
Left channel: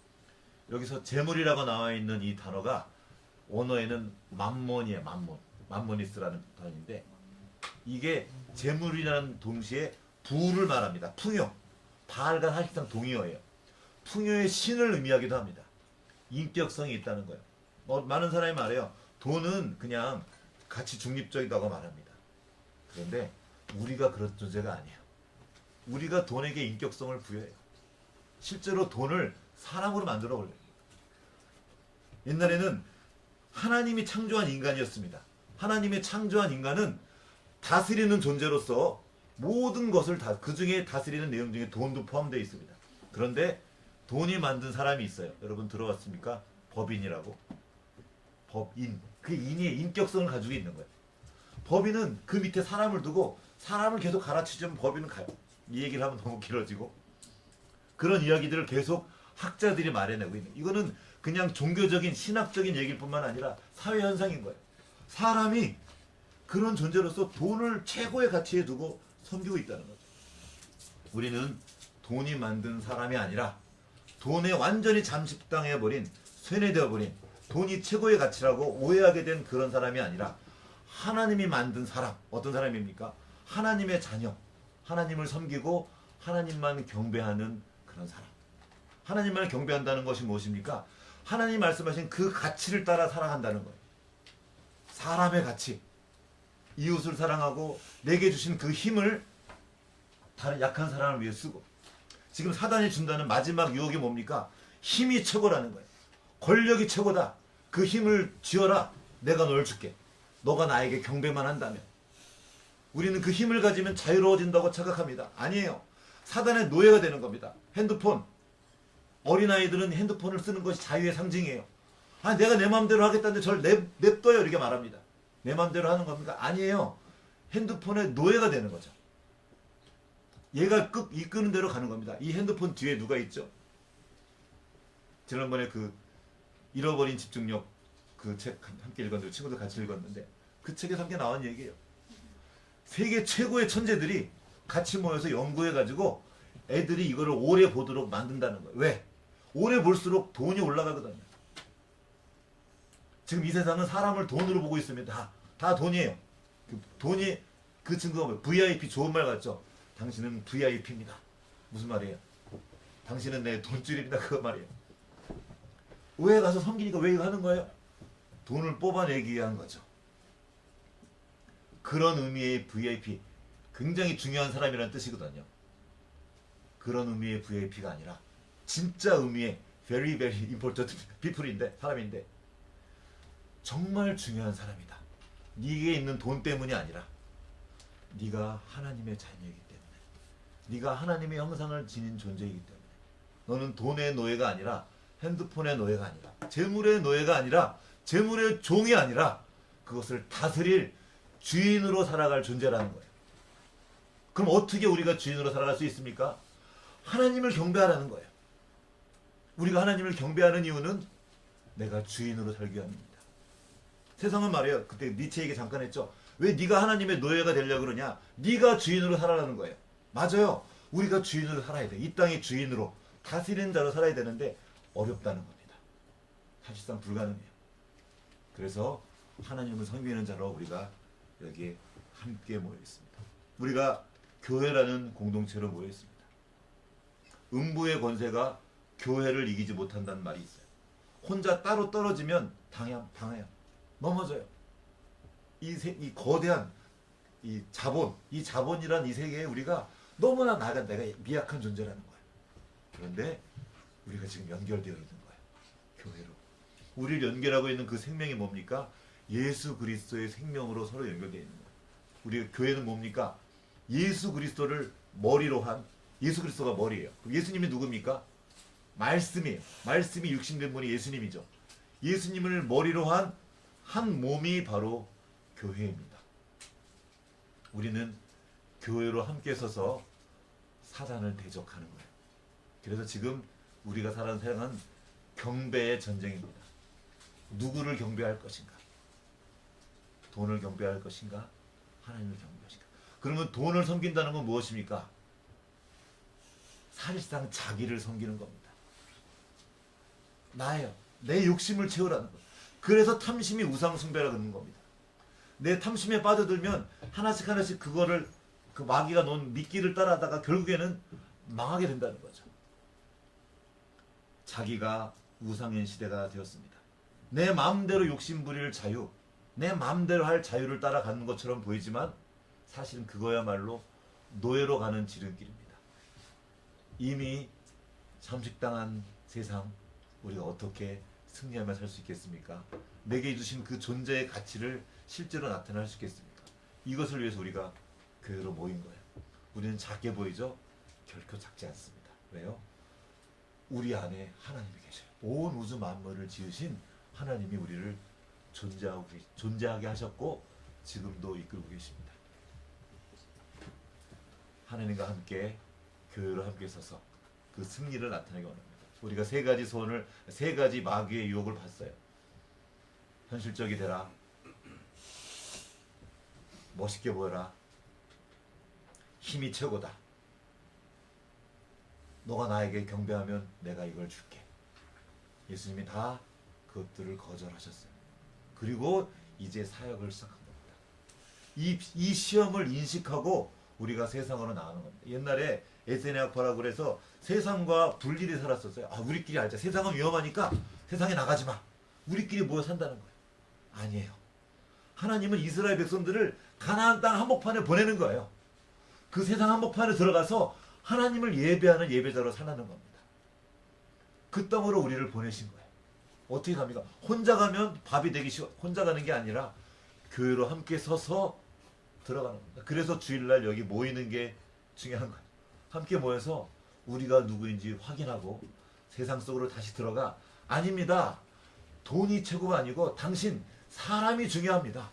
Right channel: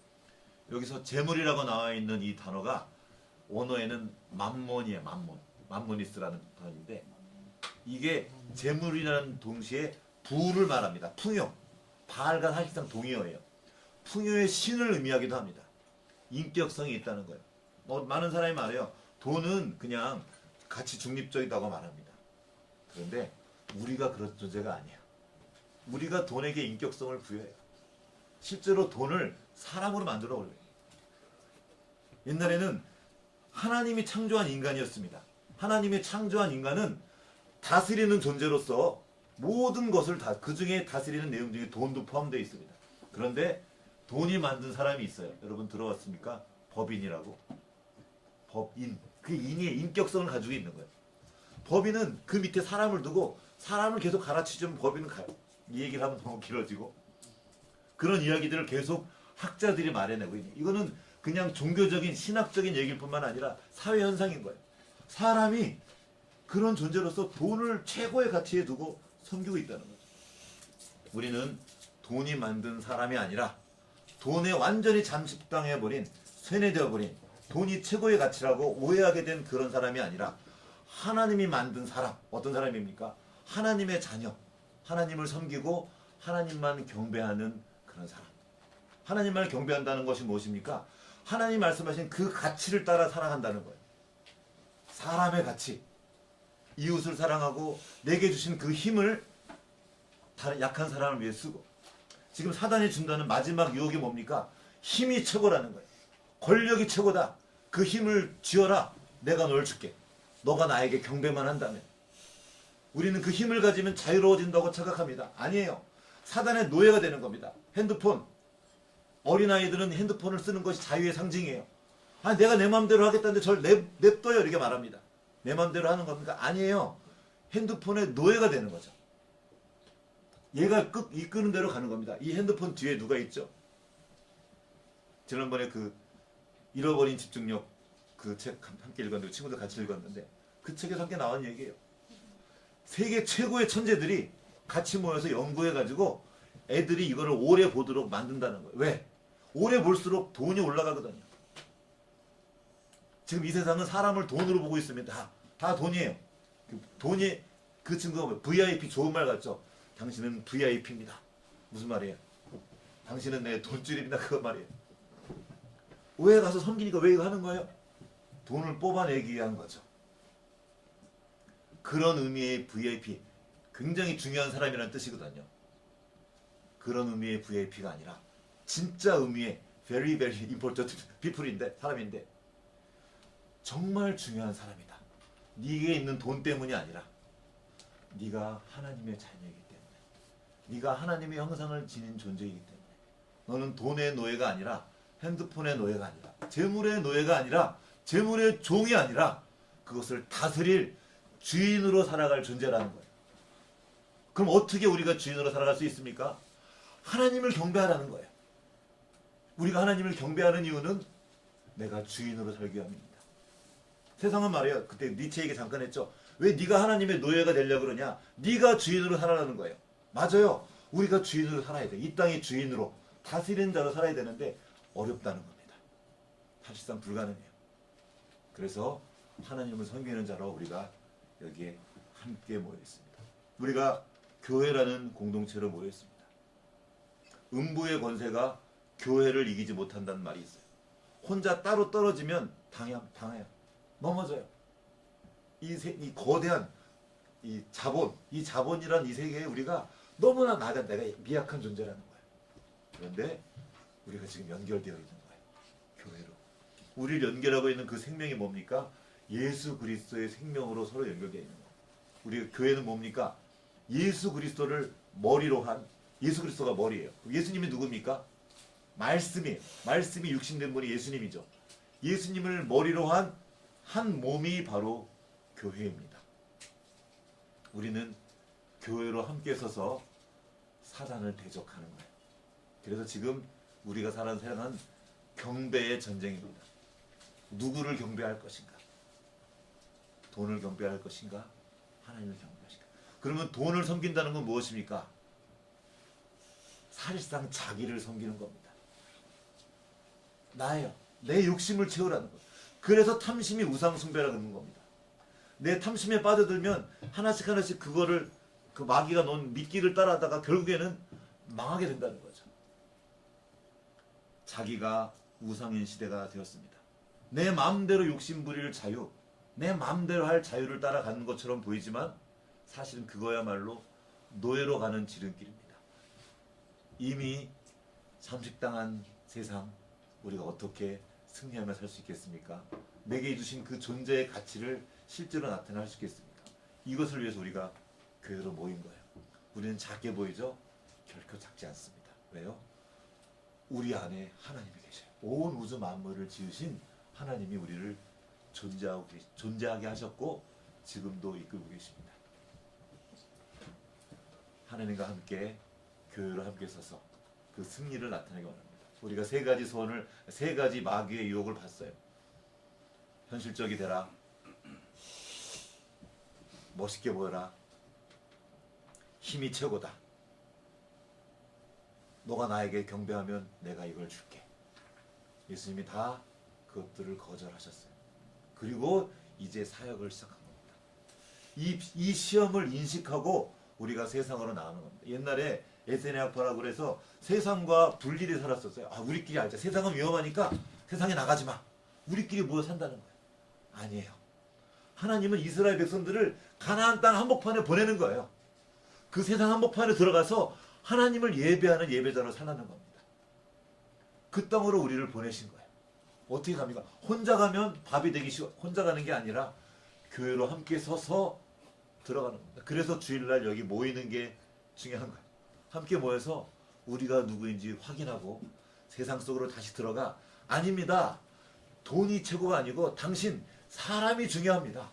여기서 재물이라고 나와 있는 이 단어가 원어에는 맘몬이에요. 맘모니스라는 단어인데 이게 재물이라는 동시에 부를 말합니다. 풍요. 바알과 사실상 동의어예요. 풍요의 신을 의미하기도 합니다. 인격성이 있다는 거예요. 많은 사람이 말해요. 돈은 그냥 가치 중립적이라고 말합니다. 그런데 우리가 그런 존재가 아니에요. 우리가 돈에게 인격성을 부여해요. 실제로 돈을 사람으로 만들어 버려요. 옛날에는 하나님이 창조한 인간이었습니다. 하나님의 창조한 인간은 다스리는 존재로서 모든 것을 그 중에 다스리는 내용 중에 돈도 포함되어 있습니다. 그런데 돈이 만든 사람이 있어요. 여러분 들어봤습니까? 법인이라고. 법인. 그 인의 인격성을 가지고 있는 거예요. 법인은 그 밑에 사람을 두고 사람을 계속 가르치면 법인은 가요. 이 얘기를 하면 너무 길어지고 그런 이야기들을 계속 학자들이 말해내고 있는. 이거는 그냥 종교적인 신학적인 얘기일 뿐만 아니라 사회 현상인 거예요. 사람이 그런 존재로서 돈을 최고의 가치에 두고 섬기고 있다는 거죠. 우리는 돈이 만든 사람이 아니라 돈에 완전히 잠식당해버린, 세뇌되어버린, 돈이 최고의 가치라고 오해하게 된 그런 사람이 아니라 하나님이 만든 사람. 어떤 사람입니까? 하나님의 자녀. 하나님을 섬기고 하나님만 경배하는 그런 사람. 하나님만 경배한다는 것이 무엇입니까? 하나님 말씀하신 그 가치를 따라 살아간다는 거예요. 사람의 가치. 이웃을 사랑하고 내게 주신 그 힘을 다른 약한 사람을 위해 쓰고. 지금 사단이 준다는 마지막 유혹이 뭡니까? 힘이 최고라는 거예요. 권력이 최고다. 그 힘을 쥐어라. 내가 널 줄게. 너가 나에게 경배만 한다면. 우리는 그 힘을 가지면 자유로워진다고 착각합니다. 아니에요. 사단의 노예가 되는 겁니다. 핸드폰. 어린아이들은 핸드폰을 쓰는 것이 자유의 상징이에요. 아, 내가 내 마음대로 하겠다는데 저를 냅둬요. 이렇게 말합니다. 내 마음대로 하는 겁니까? 아니에요. 핸드폰의 노예가 되는 거죠. 얘가 이끄는 대로 가는 겁니다. 이 핸드폰 뒤에 누가 있죠? 지난번에 그 잃어버린 집중력 그 책 함께 읽었는데 친구들 같이 읽었는데 그 책에서 함께 나온 얘기예요. 세계 최고의 천재들이 같이 모여서 연구해가지고 애들이 이거를 오래 보도록 만든다는 거예요. 왜? 오래 볼수록 돈이 올라가거든요. 지금 이 세상은 사람을 돈으로 보고 있습니다. 다 돈이에요. 돈이 그 친구가 뭐 VIP 좋은 말 같죠? 당신은 VIP입니다. 무슨 말이에요? 당신은 내 돈줄입니다. 그거 말이에요. 왜 가서 섬기니까 왜 이거 하는 거예요? 돈을 뽑아내기 위한 거죠. 그런 의미의 VIP, 굉장히 중요한 사람이라는 뜻이거든요. 그런 의미의 VIP가 아니라 진짜 의미의 very very important people인데, 사람인데 정말 중요한 사람이다. 네게 있는 돈 때문이 아니라 네가 하나님의 자녀이기 때문에, 네가 하나님의 형상을 지닌 존재이기 때문에, 너는 돈의 노예가 아니라, 핸드폰의 노예가 아니라, 재물의 노예가 아니라, 재물의 종이 아니라 그것을 다스릴 주인으로 살아갈 존재라는 거예요. 그럼 어떻게 우리가 주인으로 살아갈 수 있습니까? 하나님을 경배하라는 거예요. 우리가 하나님을 경배하는 이유는 내가 주인으로 살기 위함입니다. 세상은 말이에요. 그때 니체 얘기 잠깐 했죠. 왜 네가 하나님의 노예가 되려고 그러냐? 네가 주인으로 살아라는 거예요. 맞아요. 우리가 주인으로 살아야 돼. 이 땅의 주인으로, 다스리는 자로 살아야 되는데 어렵다는 겁니다. 사실상 불가능해요. 그래서 하나님을 섬기는 자로 우리가 여기에 함께 모여 있습니다. 우리가 교회라는 공동체로 모여 있습니다. 음부의 권세가 교회를 이기지 못한다는 말이 있어요. 혼자 따로 떨어지면 당해요. 넘어져요. 이 거대한 이 자본이란 이 세계에 우리가 너무나 내가 미약한 존재라는 거예요. 그런데 우리가 지금 연결되어 있는 거예요. 교회로. 우리를 연결하고 있는 그 생명이 뭡니까? 예수 그리스도의 생명으로 서로 연결되어 있는 거예요. 우리 교회는 뭡니까? 예수 그리스도를 머리로 한, 예수 그리스도가 머리예요. 그럼 예수님이 누굽니까? 말씀이에요. 말씀이 육신된 분이 예수님이죠. 예수님을 머리로 한 몸이 바로 교회입니다. 우리는 교회로 함께 서서 사단을 대적하는 거예요. 그래서 지금 우리가 사는 세상은 경배의 전쟁입니다. 누구를 경배할 것인가? 돈을 경배할 것인가? 하나님을 경배할 것인가? 그러면 돈을 섬긴다는 건 무엇입니까? 사실상 자기를 섬기는 겁니다. 나예요. 내 욕심을 채우라는 거예요. 그래서 탐심이 우상숭배라고 하는 겁니다. 내 탐심에 빠져들면 하나씩 그거를, 그 마귀가 놓은 미끼를 따라하다가 결국에는 망하게 된다는 거죠. 자기가 우상인 시대가 되었습니다. 내 마음대로 욕심 부릴 자유, 내 마음대로 할 자유를 따라가는 것처럼 보이지만 사실은 그거야말로 노예로 가는 지름길입니다. 이미 잠식당한 세상, 우리가 어떻게 승리하며 살 수 있겠습니까? 내게 주신 그 존재의 가치를 실제로 나타낼 수 있겠습니까? 이것을 위해서 우리가 교회로 모인 거예요. 우리는 작게 보이죠? 결코 작지 않습니다. 왜요? 우리 안에 하나님이 계셔요. 온 우주 만물을 지으신 하나님이 우리를 존재하게 하셨고 지금도 이끌고 계십니다. 하나님과 함께 교회로 함께 서서 그 승리를 나타내기 원합니다. 우리가 세 가지 마귀의 유혹을 봤어요. 현실적이 되라, 멋있게 보여라, 힘이 최고다, 너가 나에게 경배하면 내가 이걸 줄게. 예수님이 다 그것들을 거절하셨어요. 그리고 이제 사역을 시작한 겁니다. 이 시험을 인식하고 우리가 세상으로 나가는 겁니다. 옛날에 에세네아포라고 그래서 세상과 분리돼 살았었어요. 우리끼리 알자. 세상은 위험하니까 세상에 나가지 마. 우리끼리 모여 산다는 거예요. 아니에요. 하나님은 이스라엘 백성들을 가나안 땅 한복판에 보내는 거예요. 그 세상 한복판에 들어가서 하나님을 예배하는 예배자로 살라는 겁니다. 그 땅으로 우리를 보내신 거예요. 어떻게 갑니까? 혼자 가면 밥이 되기 쉬워. 혼자 가는 게 아니라 교회로 함께 서서 들어가는 겁니다. 그래서 주일날 여기 모이는 게 중요한 거예요. 함께 모여서 우리가 누구인지 확인하고 세상 속으로 다시 들어가. 아닙니다. 돈이 최고가 아니고 당신, 사람이 중요합니다.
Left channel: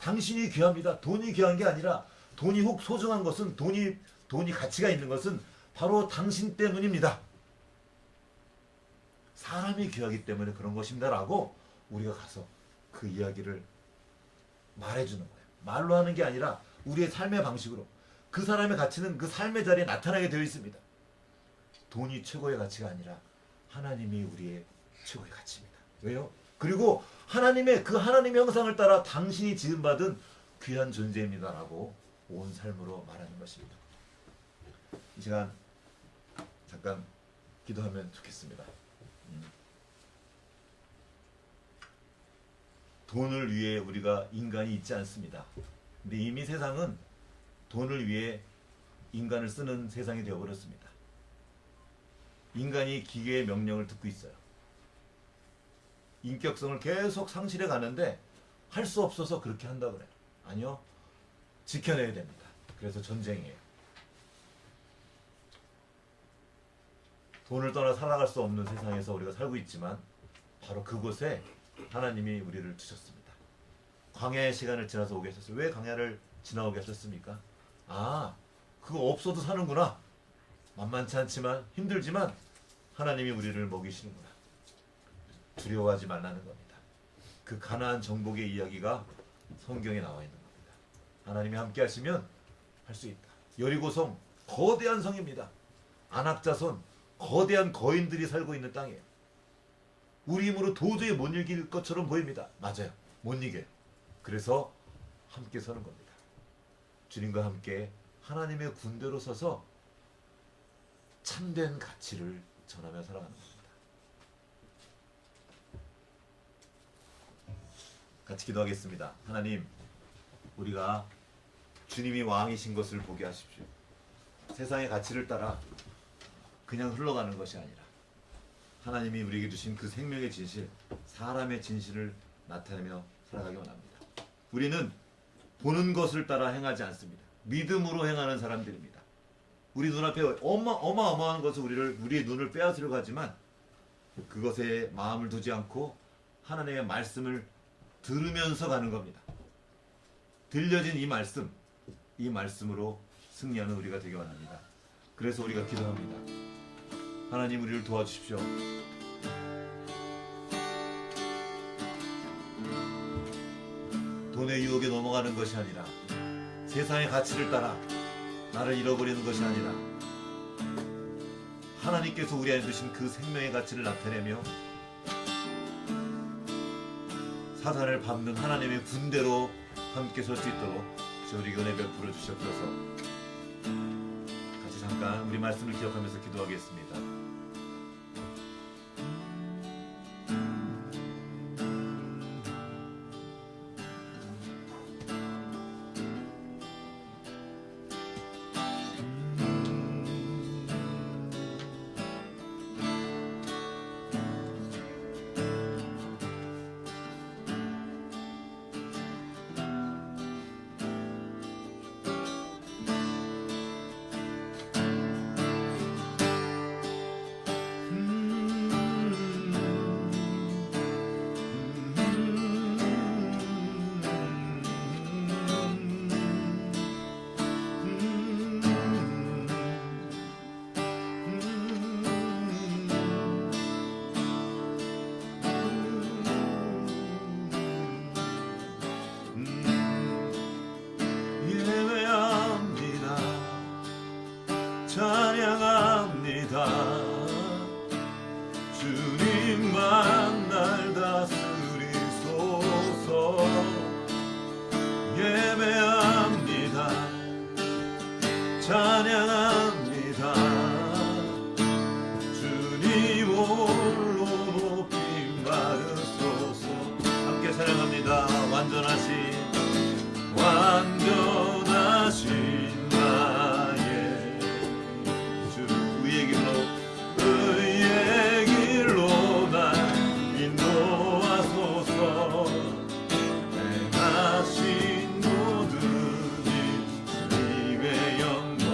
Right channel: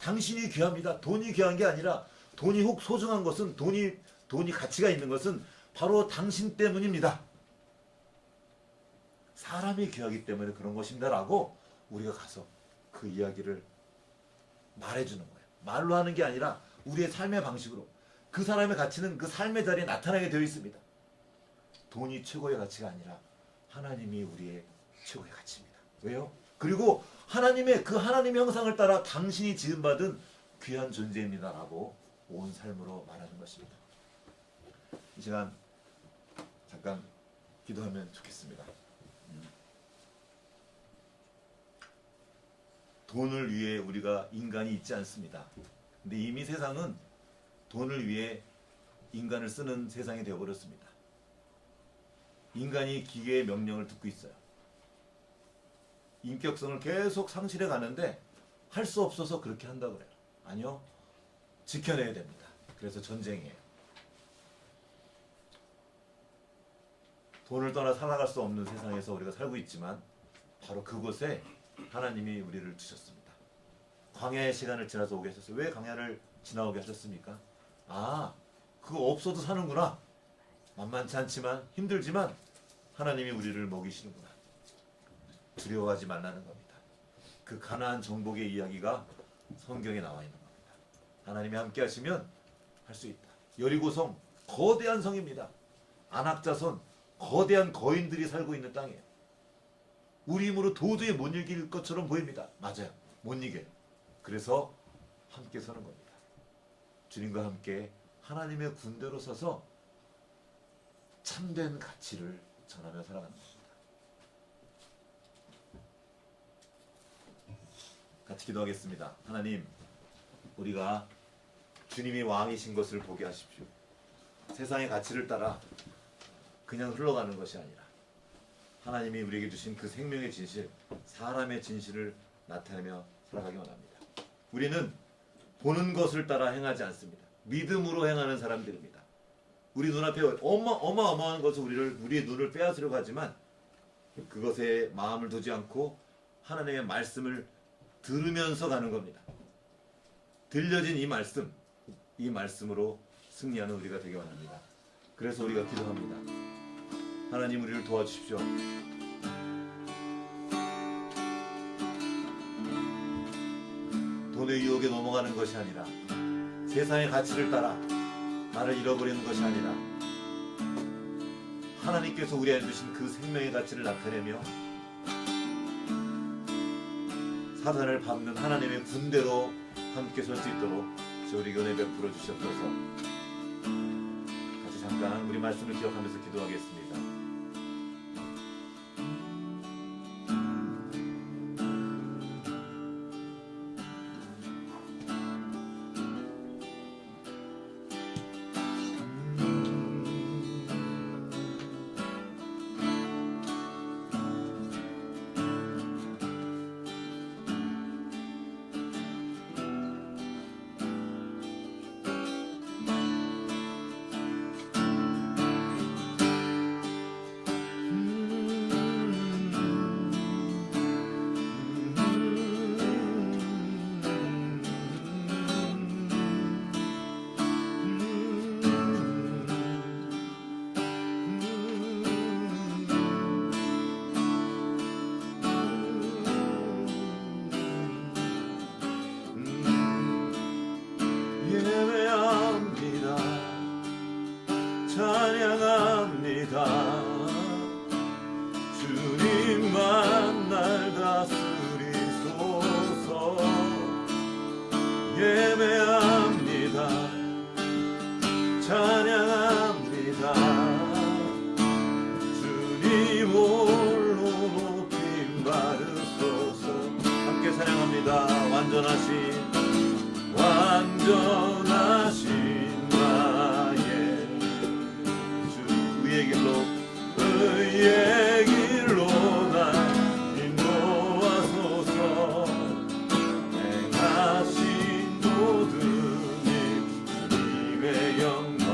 당신이 귀합니다. 돈이 귀한 게 아니라, 돈이 혹 소중한 것은, 돈이 가치가 있는 것은 바로 당신 때문입니다. 사람이 귀하기 때문에 그런 것입니다라고 우리가 가서 그 이야기를 말해주는 거예요. 말로 하는 게 아니라 우리의 삶의 방식으로. 그 사람의 가치는 그 삶의 자리에 나타나게 되어 있습니다. 돈이 최고의 가치가 아니라 하나님이 우리의 최고의 가치입니다. 왜요? 그리고 하나님의 그 하나님의 형상을 따라 당신이 지음받은 귀한 존재입니다라고 온 삶으로 말하는 것입니다. 이 시간 잠깐 기도하면 좋겠습니다. 돈을 위해 우리가 인간이 있지 않습니다. 근데 이미 세상은 돈을 위해 인간을 쓰는 세상이 되어버렸습니다. 인간이 기계의 명령을 듣고 있어요. 인격성을 계속 상실해 가는데 할 수 없어서 그렇게 한다 그래요. 아니요. 지켜내야 됩니다. 그래서 전쟁이에요. 돈을 떠나 살아갈 수 없는 세상에서 우리가 살고 있지만 바로 그곳에 하나님이 우리를 주셨습니다. 광야의 시간을 지나서 오게 하셨어요. 왜 광야를 지나오게 하셨습니까? 아, 그거 없어도 사는구나. 만만치 않지만 힘들지만 하나님이 우리를 먹이시는구나. 두려워하지 말라는 겁니다. 그 가나안 정복의 이야기가 성경에 나와 있는 겁니다. 하나님이 함께 하시면 할 수 있다. 여리고성 거대한 성입니다. 안악자손 거대한 거인들이 살고 있는 땅이에요. 우리 힘으로 도저히 못 이길 것처럼 보입니다. 맞아요. 못 이겨요. 그래서 함께 서는 겁니다. 주님과 함께 하나님의 군대로 서서 참된 가치를 전하며 살아가는 것입니다. 같이 기도하겠습니다. 하나님, 우리가 주님이 왕이신 것을 보게 하십시오. 세상의 가치를 따라 그냥 흘러가는 것이 아니라 하나님이 우리에게 주신 그 생명의 진실, 사람의 진실을 나타내며 살아가기 원합니다. 우리는 보는 것을 따라 행하지 않습니다. 믿음으로 행하는 사람들입니다. 우리 눈앞에 어마어마한 것을 우리의 눈을 빼앗으려고 하지만 그것에 마음을 두지 않고 하나님의 말씀을 들으면서 가는 겁니다. 들려진 이 말씀으로 승리하는 우리가 되기 원합니다. 그래서 우리가 기도합니다. 하나님, 우리를 도와주십시오. 돈의 유혹에 넘어가는 것이 아니라 세상의 가치를 따라 나를 잃어버리는 것이 아니라 하나님께서 우리 안에 주신 그 생명의 가치를 나타내며 사단을 밟는 하나님의 군대로 함께 설 수 있도록 우리 은혜 베풀어 주시옵소서. 같이 잠깐 우리 말씀을 기억하면서 기도하겠습니다. 찬양합니다. 주님만 날 다스리소서. 예배합니다. 찬양합니다. 주님 홀로 높임 받으소서. 함께 찬양합니다. 완전하신 의의 길로 날 인도하소서. 행하신 모든 주님의 영광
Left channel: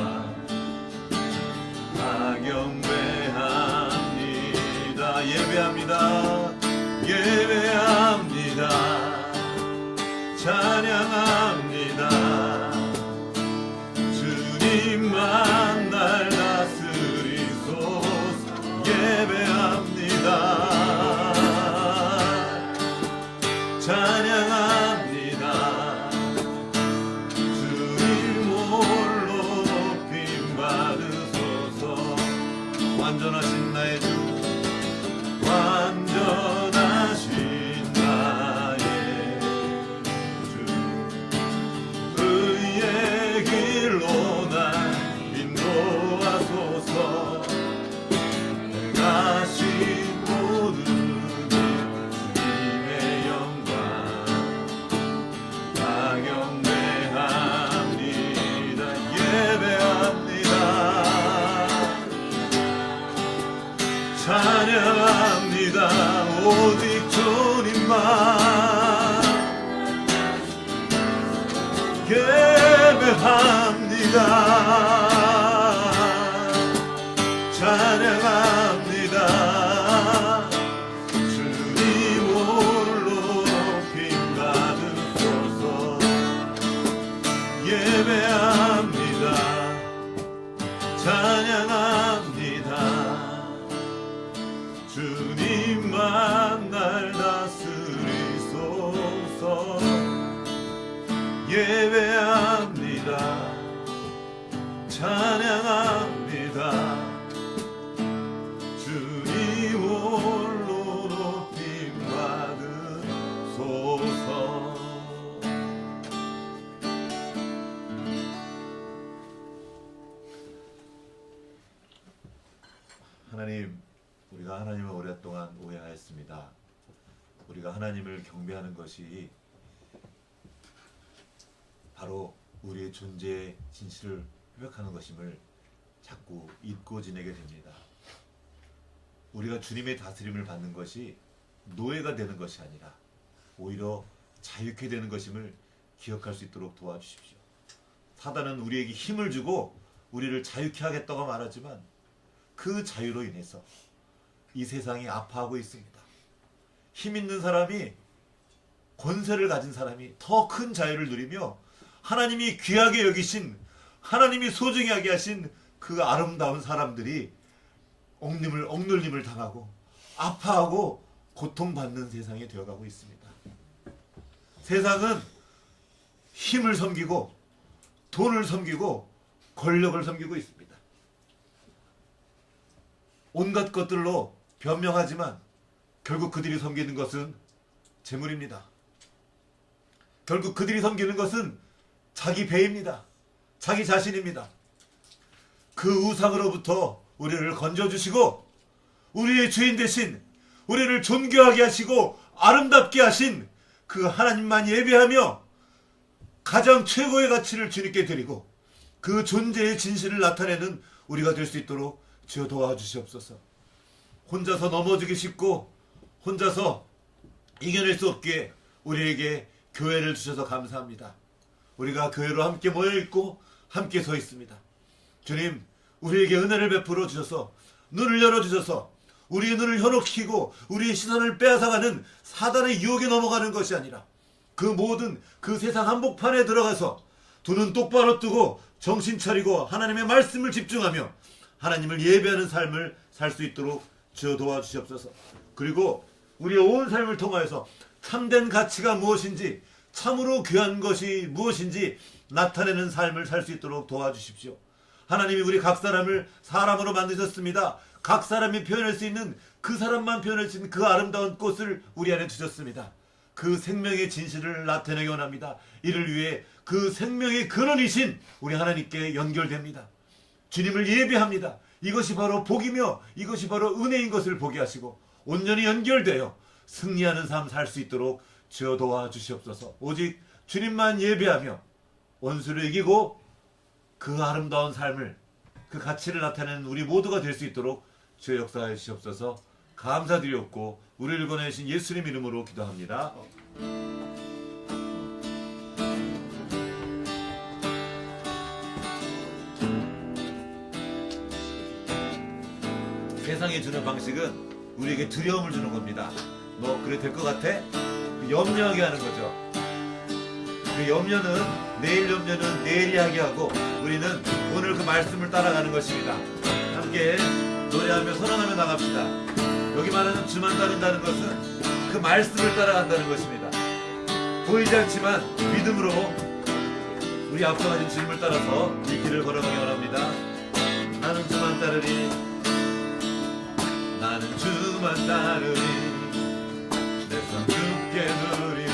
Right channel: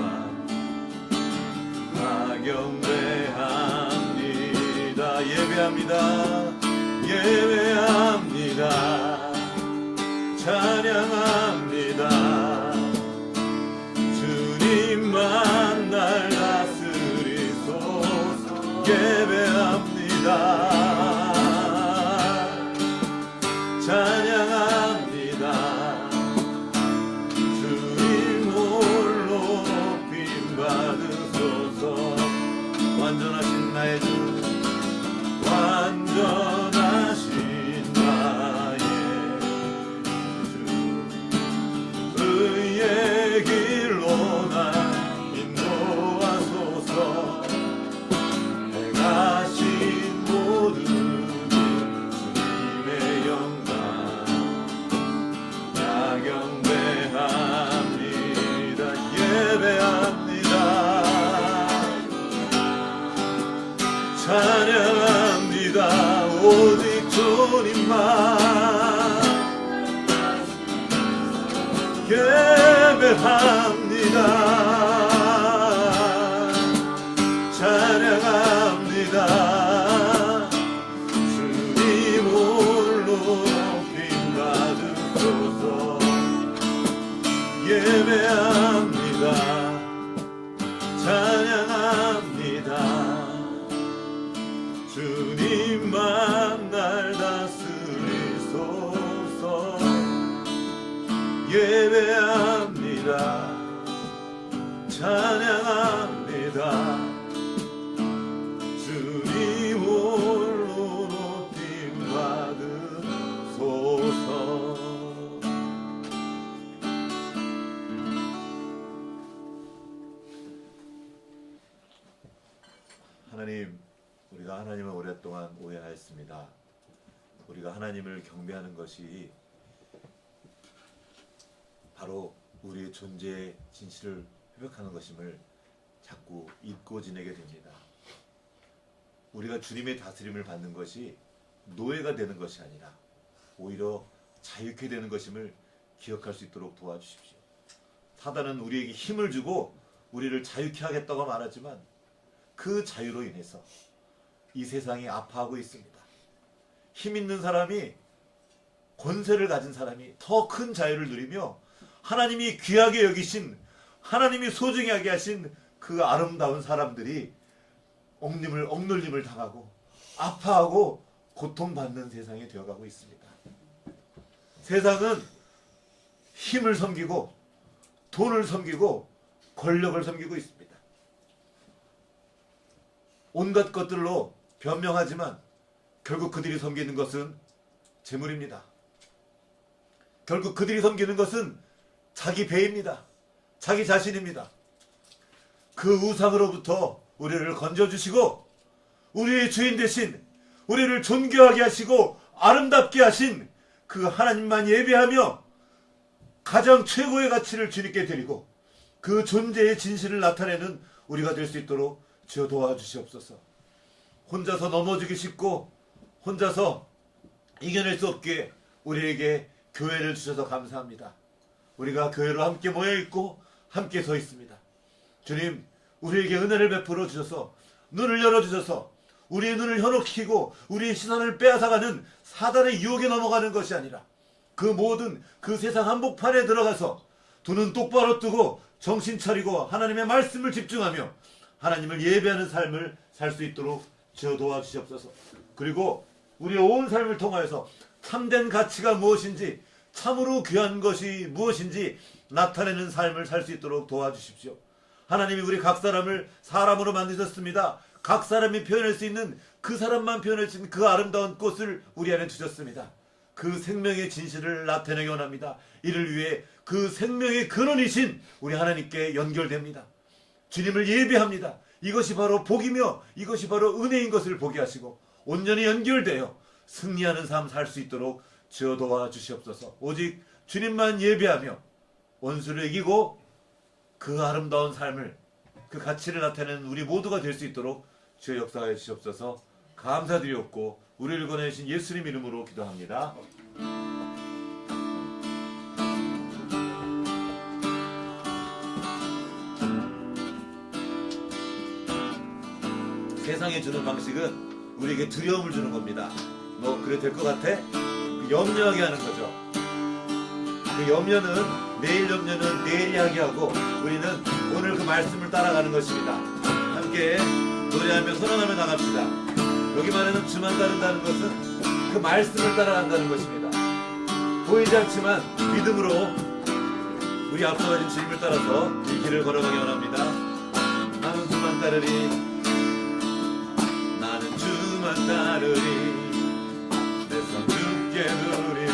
다 경배합니다. 예배합니다. 찬양합니다. 주님만 날 예배합니다. 완전하신 나의 주, 완전하신 나의 주, 의의 길로 날 인도하소서. 행하신 모든 주님의 영광 경배합니다. 예배합니다. 찬양합니다. 오직 주님만 예배합니다. 찬양합니다. 주님 홀로 높임 받으소서. 예배합니다. 찬양합니다. 주님만 날 다스리소서. 예배합니다. 찬양합니다. 주님 홀로 높임 받으소서. 하나님, 우리가 하나님을 오랫동안 오해하였습니다. 우리가 하나님을 경배하는 것이 바로 우리의 존재의 진실을 회복하는 것임을 자꾸 잊고 지내게 됩니다. 우리가 주님의 다스림을 받는 것이 노예가 되는 것이 아니라 오히려 자유케 되는 것임을 기억할 수 있도록 도와주십시오. 사단은 우리에게 힘을 주고 우리를 자유케 하겠다고 말하지만 그 자유로 인해서 이 세상이 아파하고 있습니다. 힘 있는 사람이, 권세를 가진 사람이 더 큰 자유를 누리며 하나님이 귀하게 여기신, 하나님이 소중히 하게 하신 그 아름다운 사람들이 억눌림을 당하고 아파하고 고통받는 세상이 되어가고 있습니다. 세상은 힘을 섬기고 돈을 섬기고 권력을 섬기고 있습니다. 온갖 것들로 변명하지만 결국 그들이 섬기는 것은 재물입니다. 결국 그들이 섬기는 것은 자기 배입니다. 자기 자신입니다. 그 우상으로부터 우리를 건져주시고 우리의 주인 대신 우리를 존귀하게 하시고 아름답게 하신 그 하나님만 예배하며 가장 최고의 가치를 주님께 드리고 그 존재의 진실을 나타내는 우리가 될 수 있도록 주여 도와주시옵소서. 혼자서 넘어지기 쉽고 혼자서 이겨낼 수 없기에 우리에게 교회를 주셔서 감사합니다. 우리가 교회로 함께 모여있고 함께 서 있습니다. 주님, 우리에게 은혜를 베풀어 주셔서 눈을 열어주셔서 우리의 눈을 현혹시키고 우리의 시선을 빼앗아가는 사단의 유혹에 넘어가는 것이 아니라 그 모든 그 세상 한복판에 들어가서 두 눈 똑바로 뜨고 정신 차리고 하나님의 말씀을 집중하며 하나님을 예배하는 삶을 살 수 있도록 주여 도와주시옵소서. 그리고 우리의 온 삶을 통하여서 참된 가치가 무엇인지, 참으로 귀한 것이 무엇인지 나타내는 삶을 살 수 있도록 도와주십시오. 하나님이 우리 각 사람을 사람으로 만드셨습니다. 각 사람이 표현할 수 있는, 그 사람만 표현할 수 있는 그 아름다운 꽃을 우리 안에 주셨습니다. 그 생명의 진실을 나타내기 원합니다. 이를 위해 그 생명의 근원이신 우리 하나님께 연결됩니다. 주님을 예배합니다. 이것이 바로 복이며 이것이 바로 은혜인 것을 보게 하시고 온전히 연결되어 승리하는 삶 살 수 있도록 주여 도와주시옵소서. 오직 주님만 예배하며 원수를 이기고 그 아름다운 삶을, 그 가치를 나타내는 우리 모두가 될 수 있도록 주여 역사하여 주시옵소서. 감사드리옵고 우리를 권하신 예수님 이름으로 기도합니다. 세상이 주는 방식은 우리에게 두려움을 주는 겁니다. 너 그래 될 것 같아? 그 염려하게 하는 거죠. 그 염려는, 내일 염려는 내일이 하게 하고 우리는 오늘 그 말씀을 따라가는 것입니다. 함께 노래하며 선언하며 나갑시다. 여기 말하는 주만 따른다는 것은 그 말씀을 따라간다는 것입니다. 보이지 않지만 믿음으로 우리 앞서 가진 주님을 따라서 이 길을 걸어가기 원합니다. 나는 주만 따르리. 따르리 내 손 굳게 두리니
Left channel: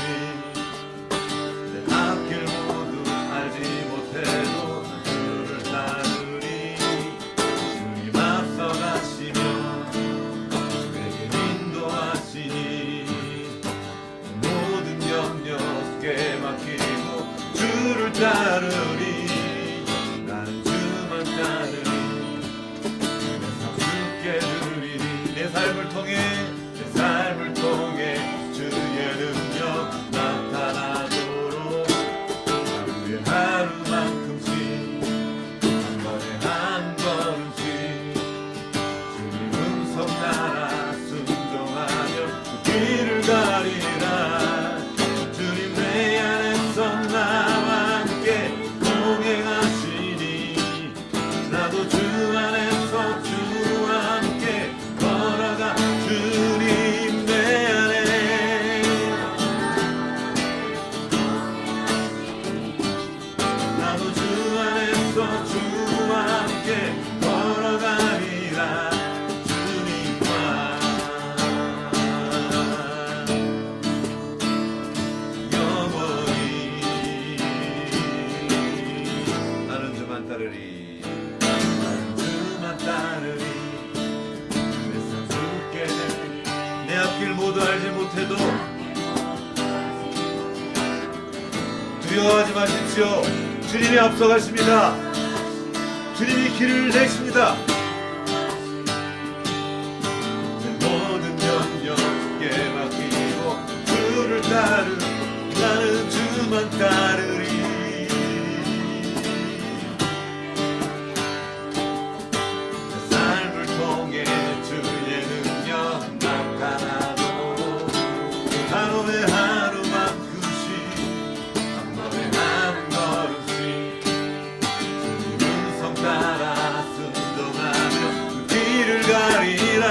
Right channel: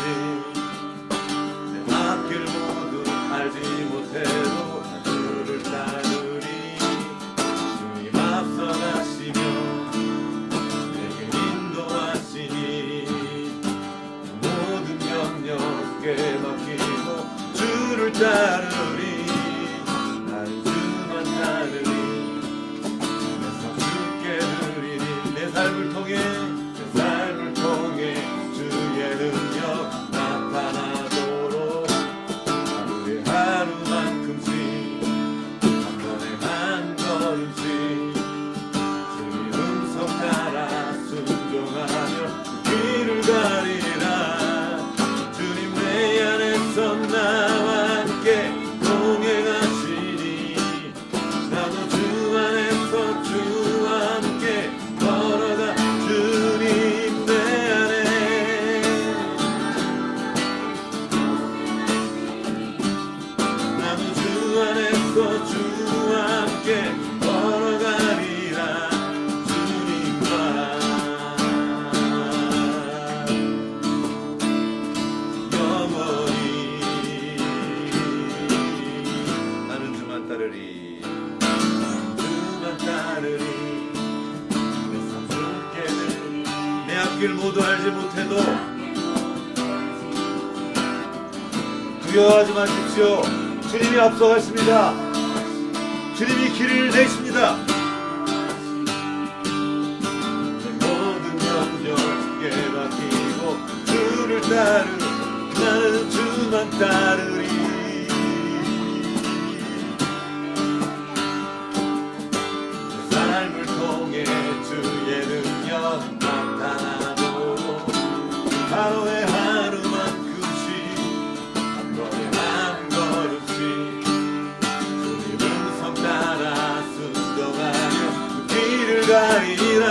내 앞길 모두 알지 못해도 주를 따르리 주님 앞서가시며 내게 인도하시니 모든 염려에 맡기고 주를 따르리 나는 주만 따르리 내 삶 주께 드리니 내 삶을 통해 주의 능력 나타나도록 하루에 하루만큼씩 한 번에 한 걸음씩 주님 음성 따라 순종하며 길을 가리라 주님 내 안에서 나와 함께 동행하시니 나도 주 안에서 주와 함께 걸어가 주님 내 안에 나도 주 안에서 주와 함께 걸어가리라 주님과 영원히 나는 주만 따르리 나는 주만 따르리 그래서 주께 내 앞길 모두 알지 못해도 두려워하지 마십시오. 주님이 앞서가십니다. 주님이 길을 내십니다. 모든 염려에 맡기고 주를 따르 나는 주만 따르리 내 삶을 통해 주의 능력 나타나도록 하루에 하루만큼씩 한 번에 한 걸음씩 주님 음성 따라 순종하며 길을 가리라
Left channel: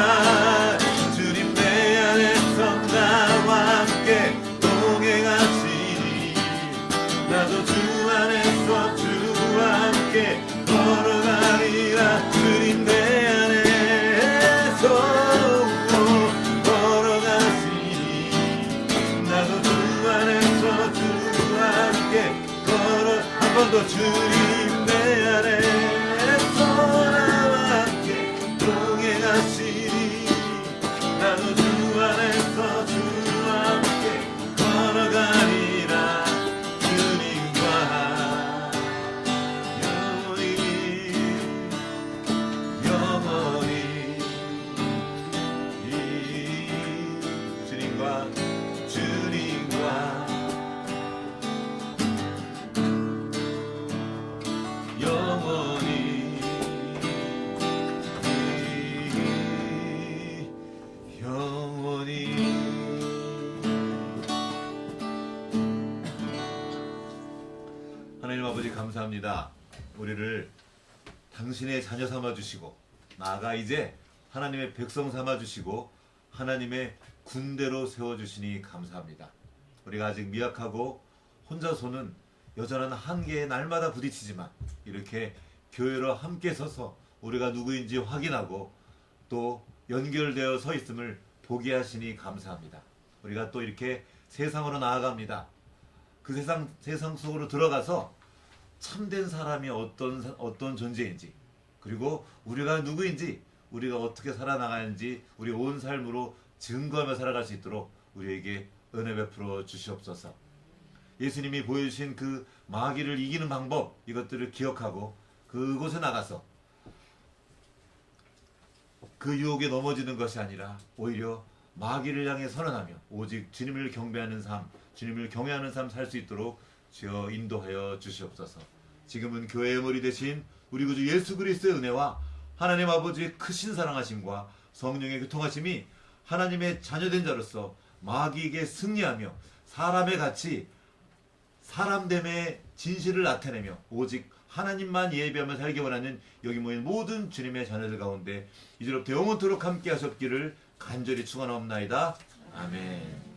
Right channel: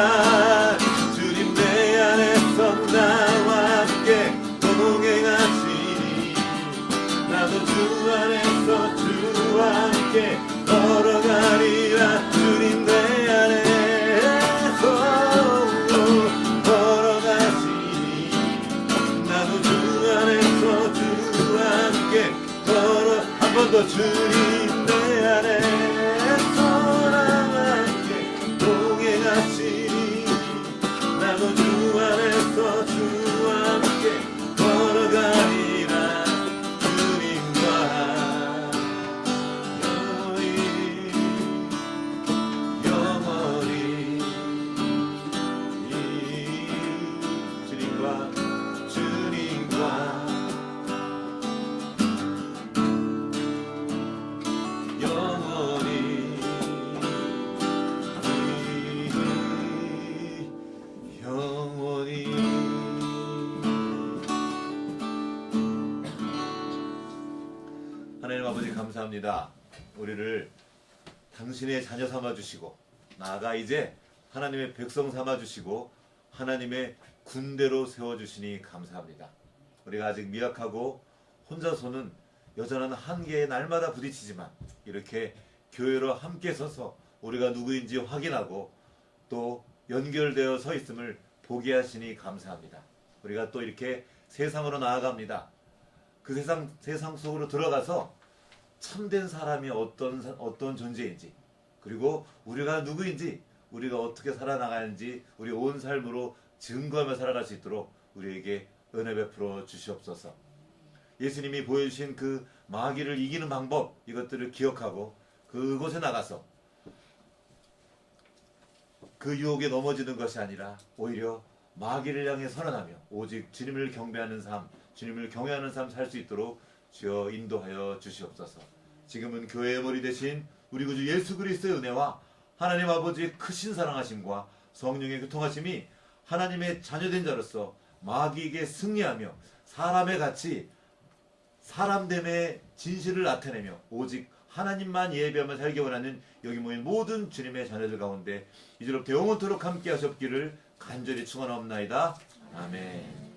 주님 내 안에서 나와 함께 동행하시니 나도 주 안에서 주와 함께 걸어가리라 주님 내 안에서 걸어가시니 나도 주 안에서 주와 함께 걸어 한 번 더 주님 내 안에서 나와 함께 동행하시니 나도 주 안에서 주와 함께 걸어가리라 주님과 영원히 주님과 영원히 하나님 아버지 감사합니다. 우리를 당신의 자녀 삼아주시고 나아가 이제 하나님의 백성 삼아주시고 하나님의 군대로 세워주시니 감사합니다. 우리가 아직 미약하고 혼자서는 여전한 한계에 날마다 부딪히지만 이렇게 교회로 함께 서서 우리가 누구인지 확인하고 또 연결되어 서 있음을 보게 하시니 감사합니다. 우리가 또 이렇게 세상으로 나아갑니다. 그 세상 속으로 들어가서 참된 사람이 어떤 존재인지 그리고 우리가 누구인지 우리가 어떻게 살아나가는지 우리 온 삶으로 증거하며 살아갈 수 있도록 우리에게 은혜 베풀어 주시옵소서. 예수님이 보여주신 그 마귀를 이기는 방법 이것들을 기억하고 그곳에 나가서 그 유혹에 넘어지는 것이 아니라 오히려 마귀를 향해 선언하며 오직 주님을 경배하는 삶, 주님을 경외하는 삶 살 수 있도록 주여 인도하여 주시옵소서. 지금은 교회의 머리 되신 우리 구주 예수 그리스도의 은혜와 하나님 아버지의 크신 사랑하심과 성령의 교통하심이 하나님의 자녀된 자로서 마귀에게 승리하며 사람의 같이 사람됨의 진실을 나타내며 오직 하나님만 예배하며 살기 원하는 여기 모인 모든 주님의 자녀들 가운데 이제로부터 영원토록 함께 하셨기를 간절히 축원하옵나이다. 아멘.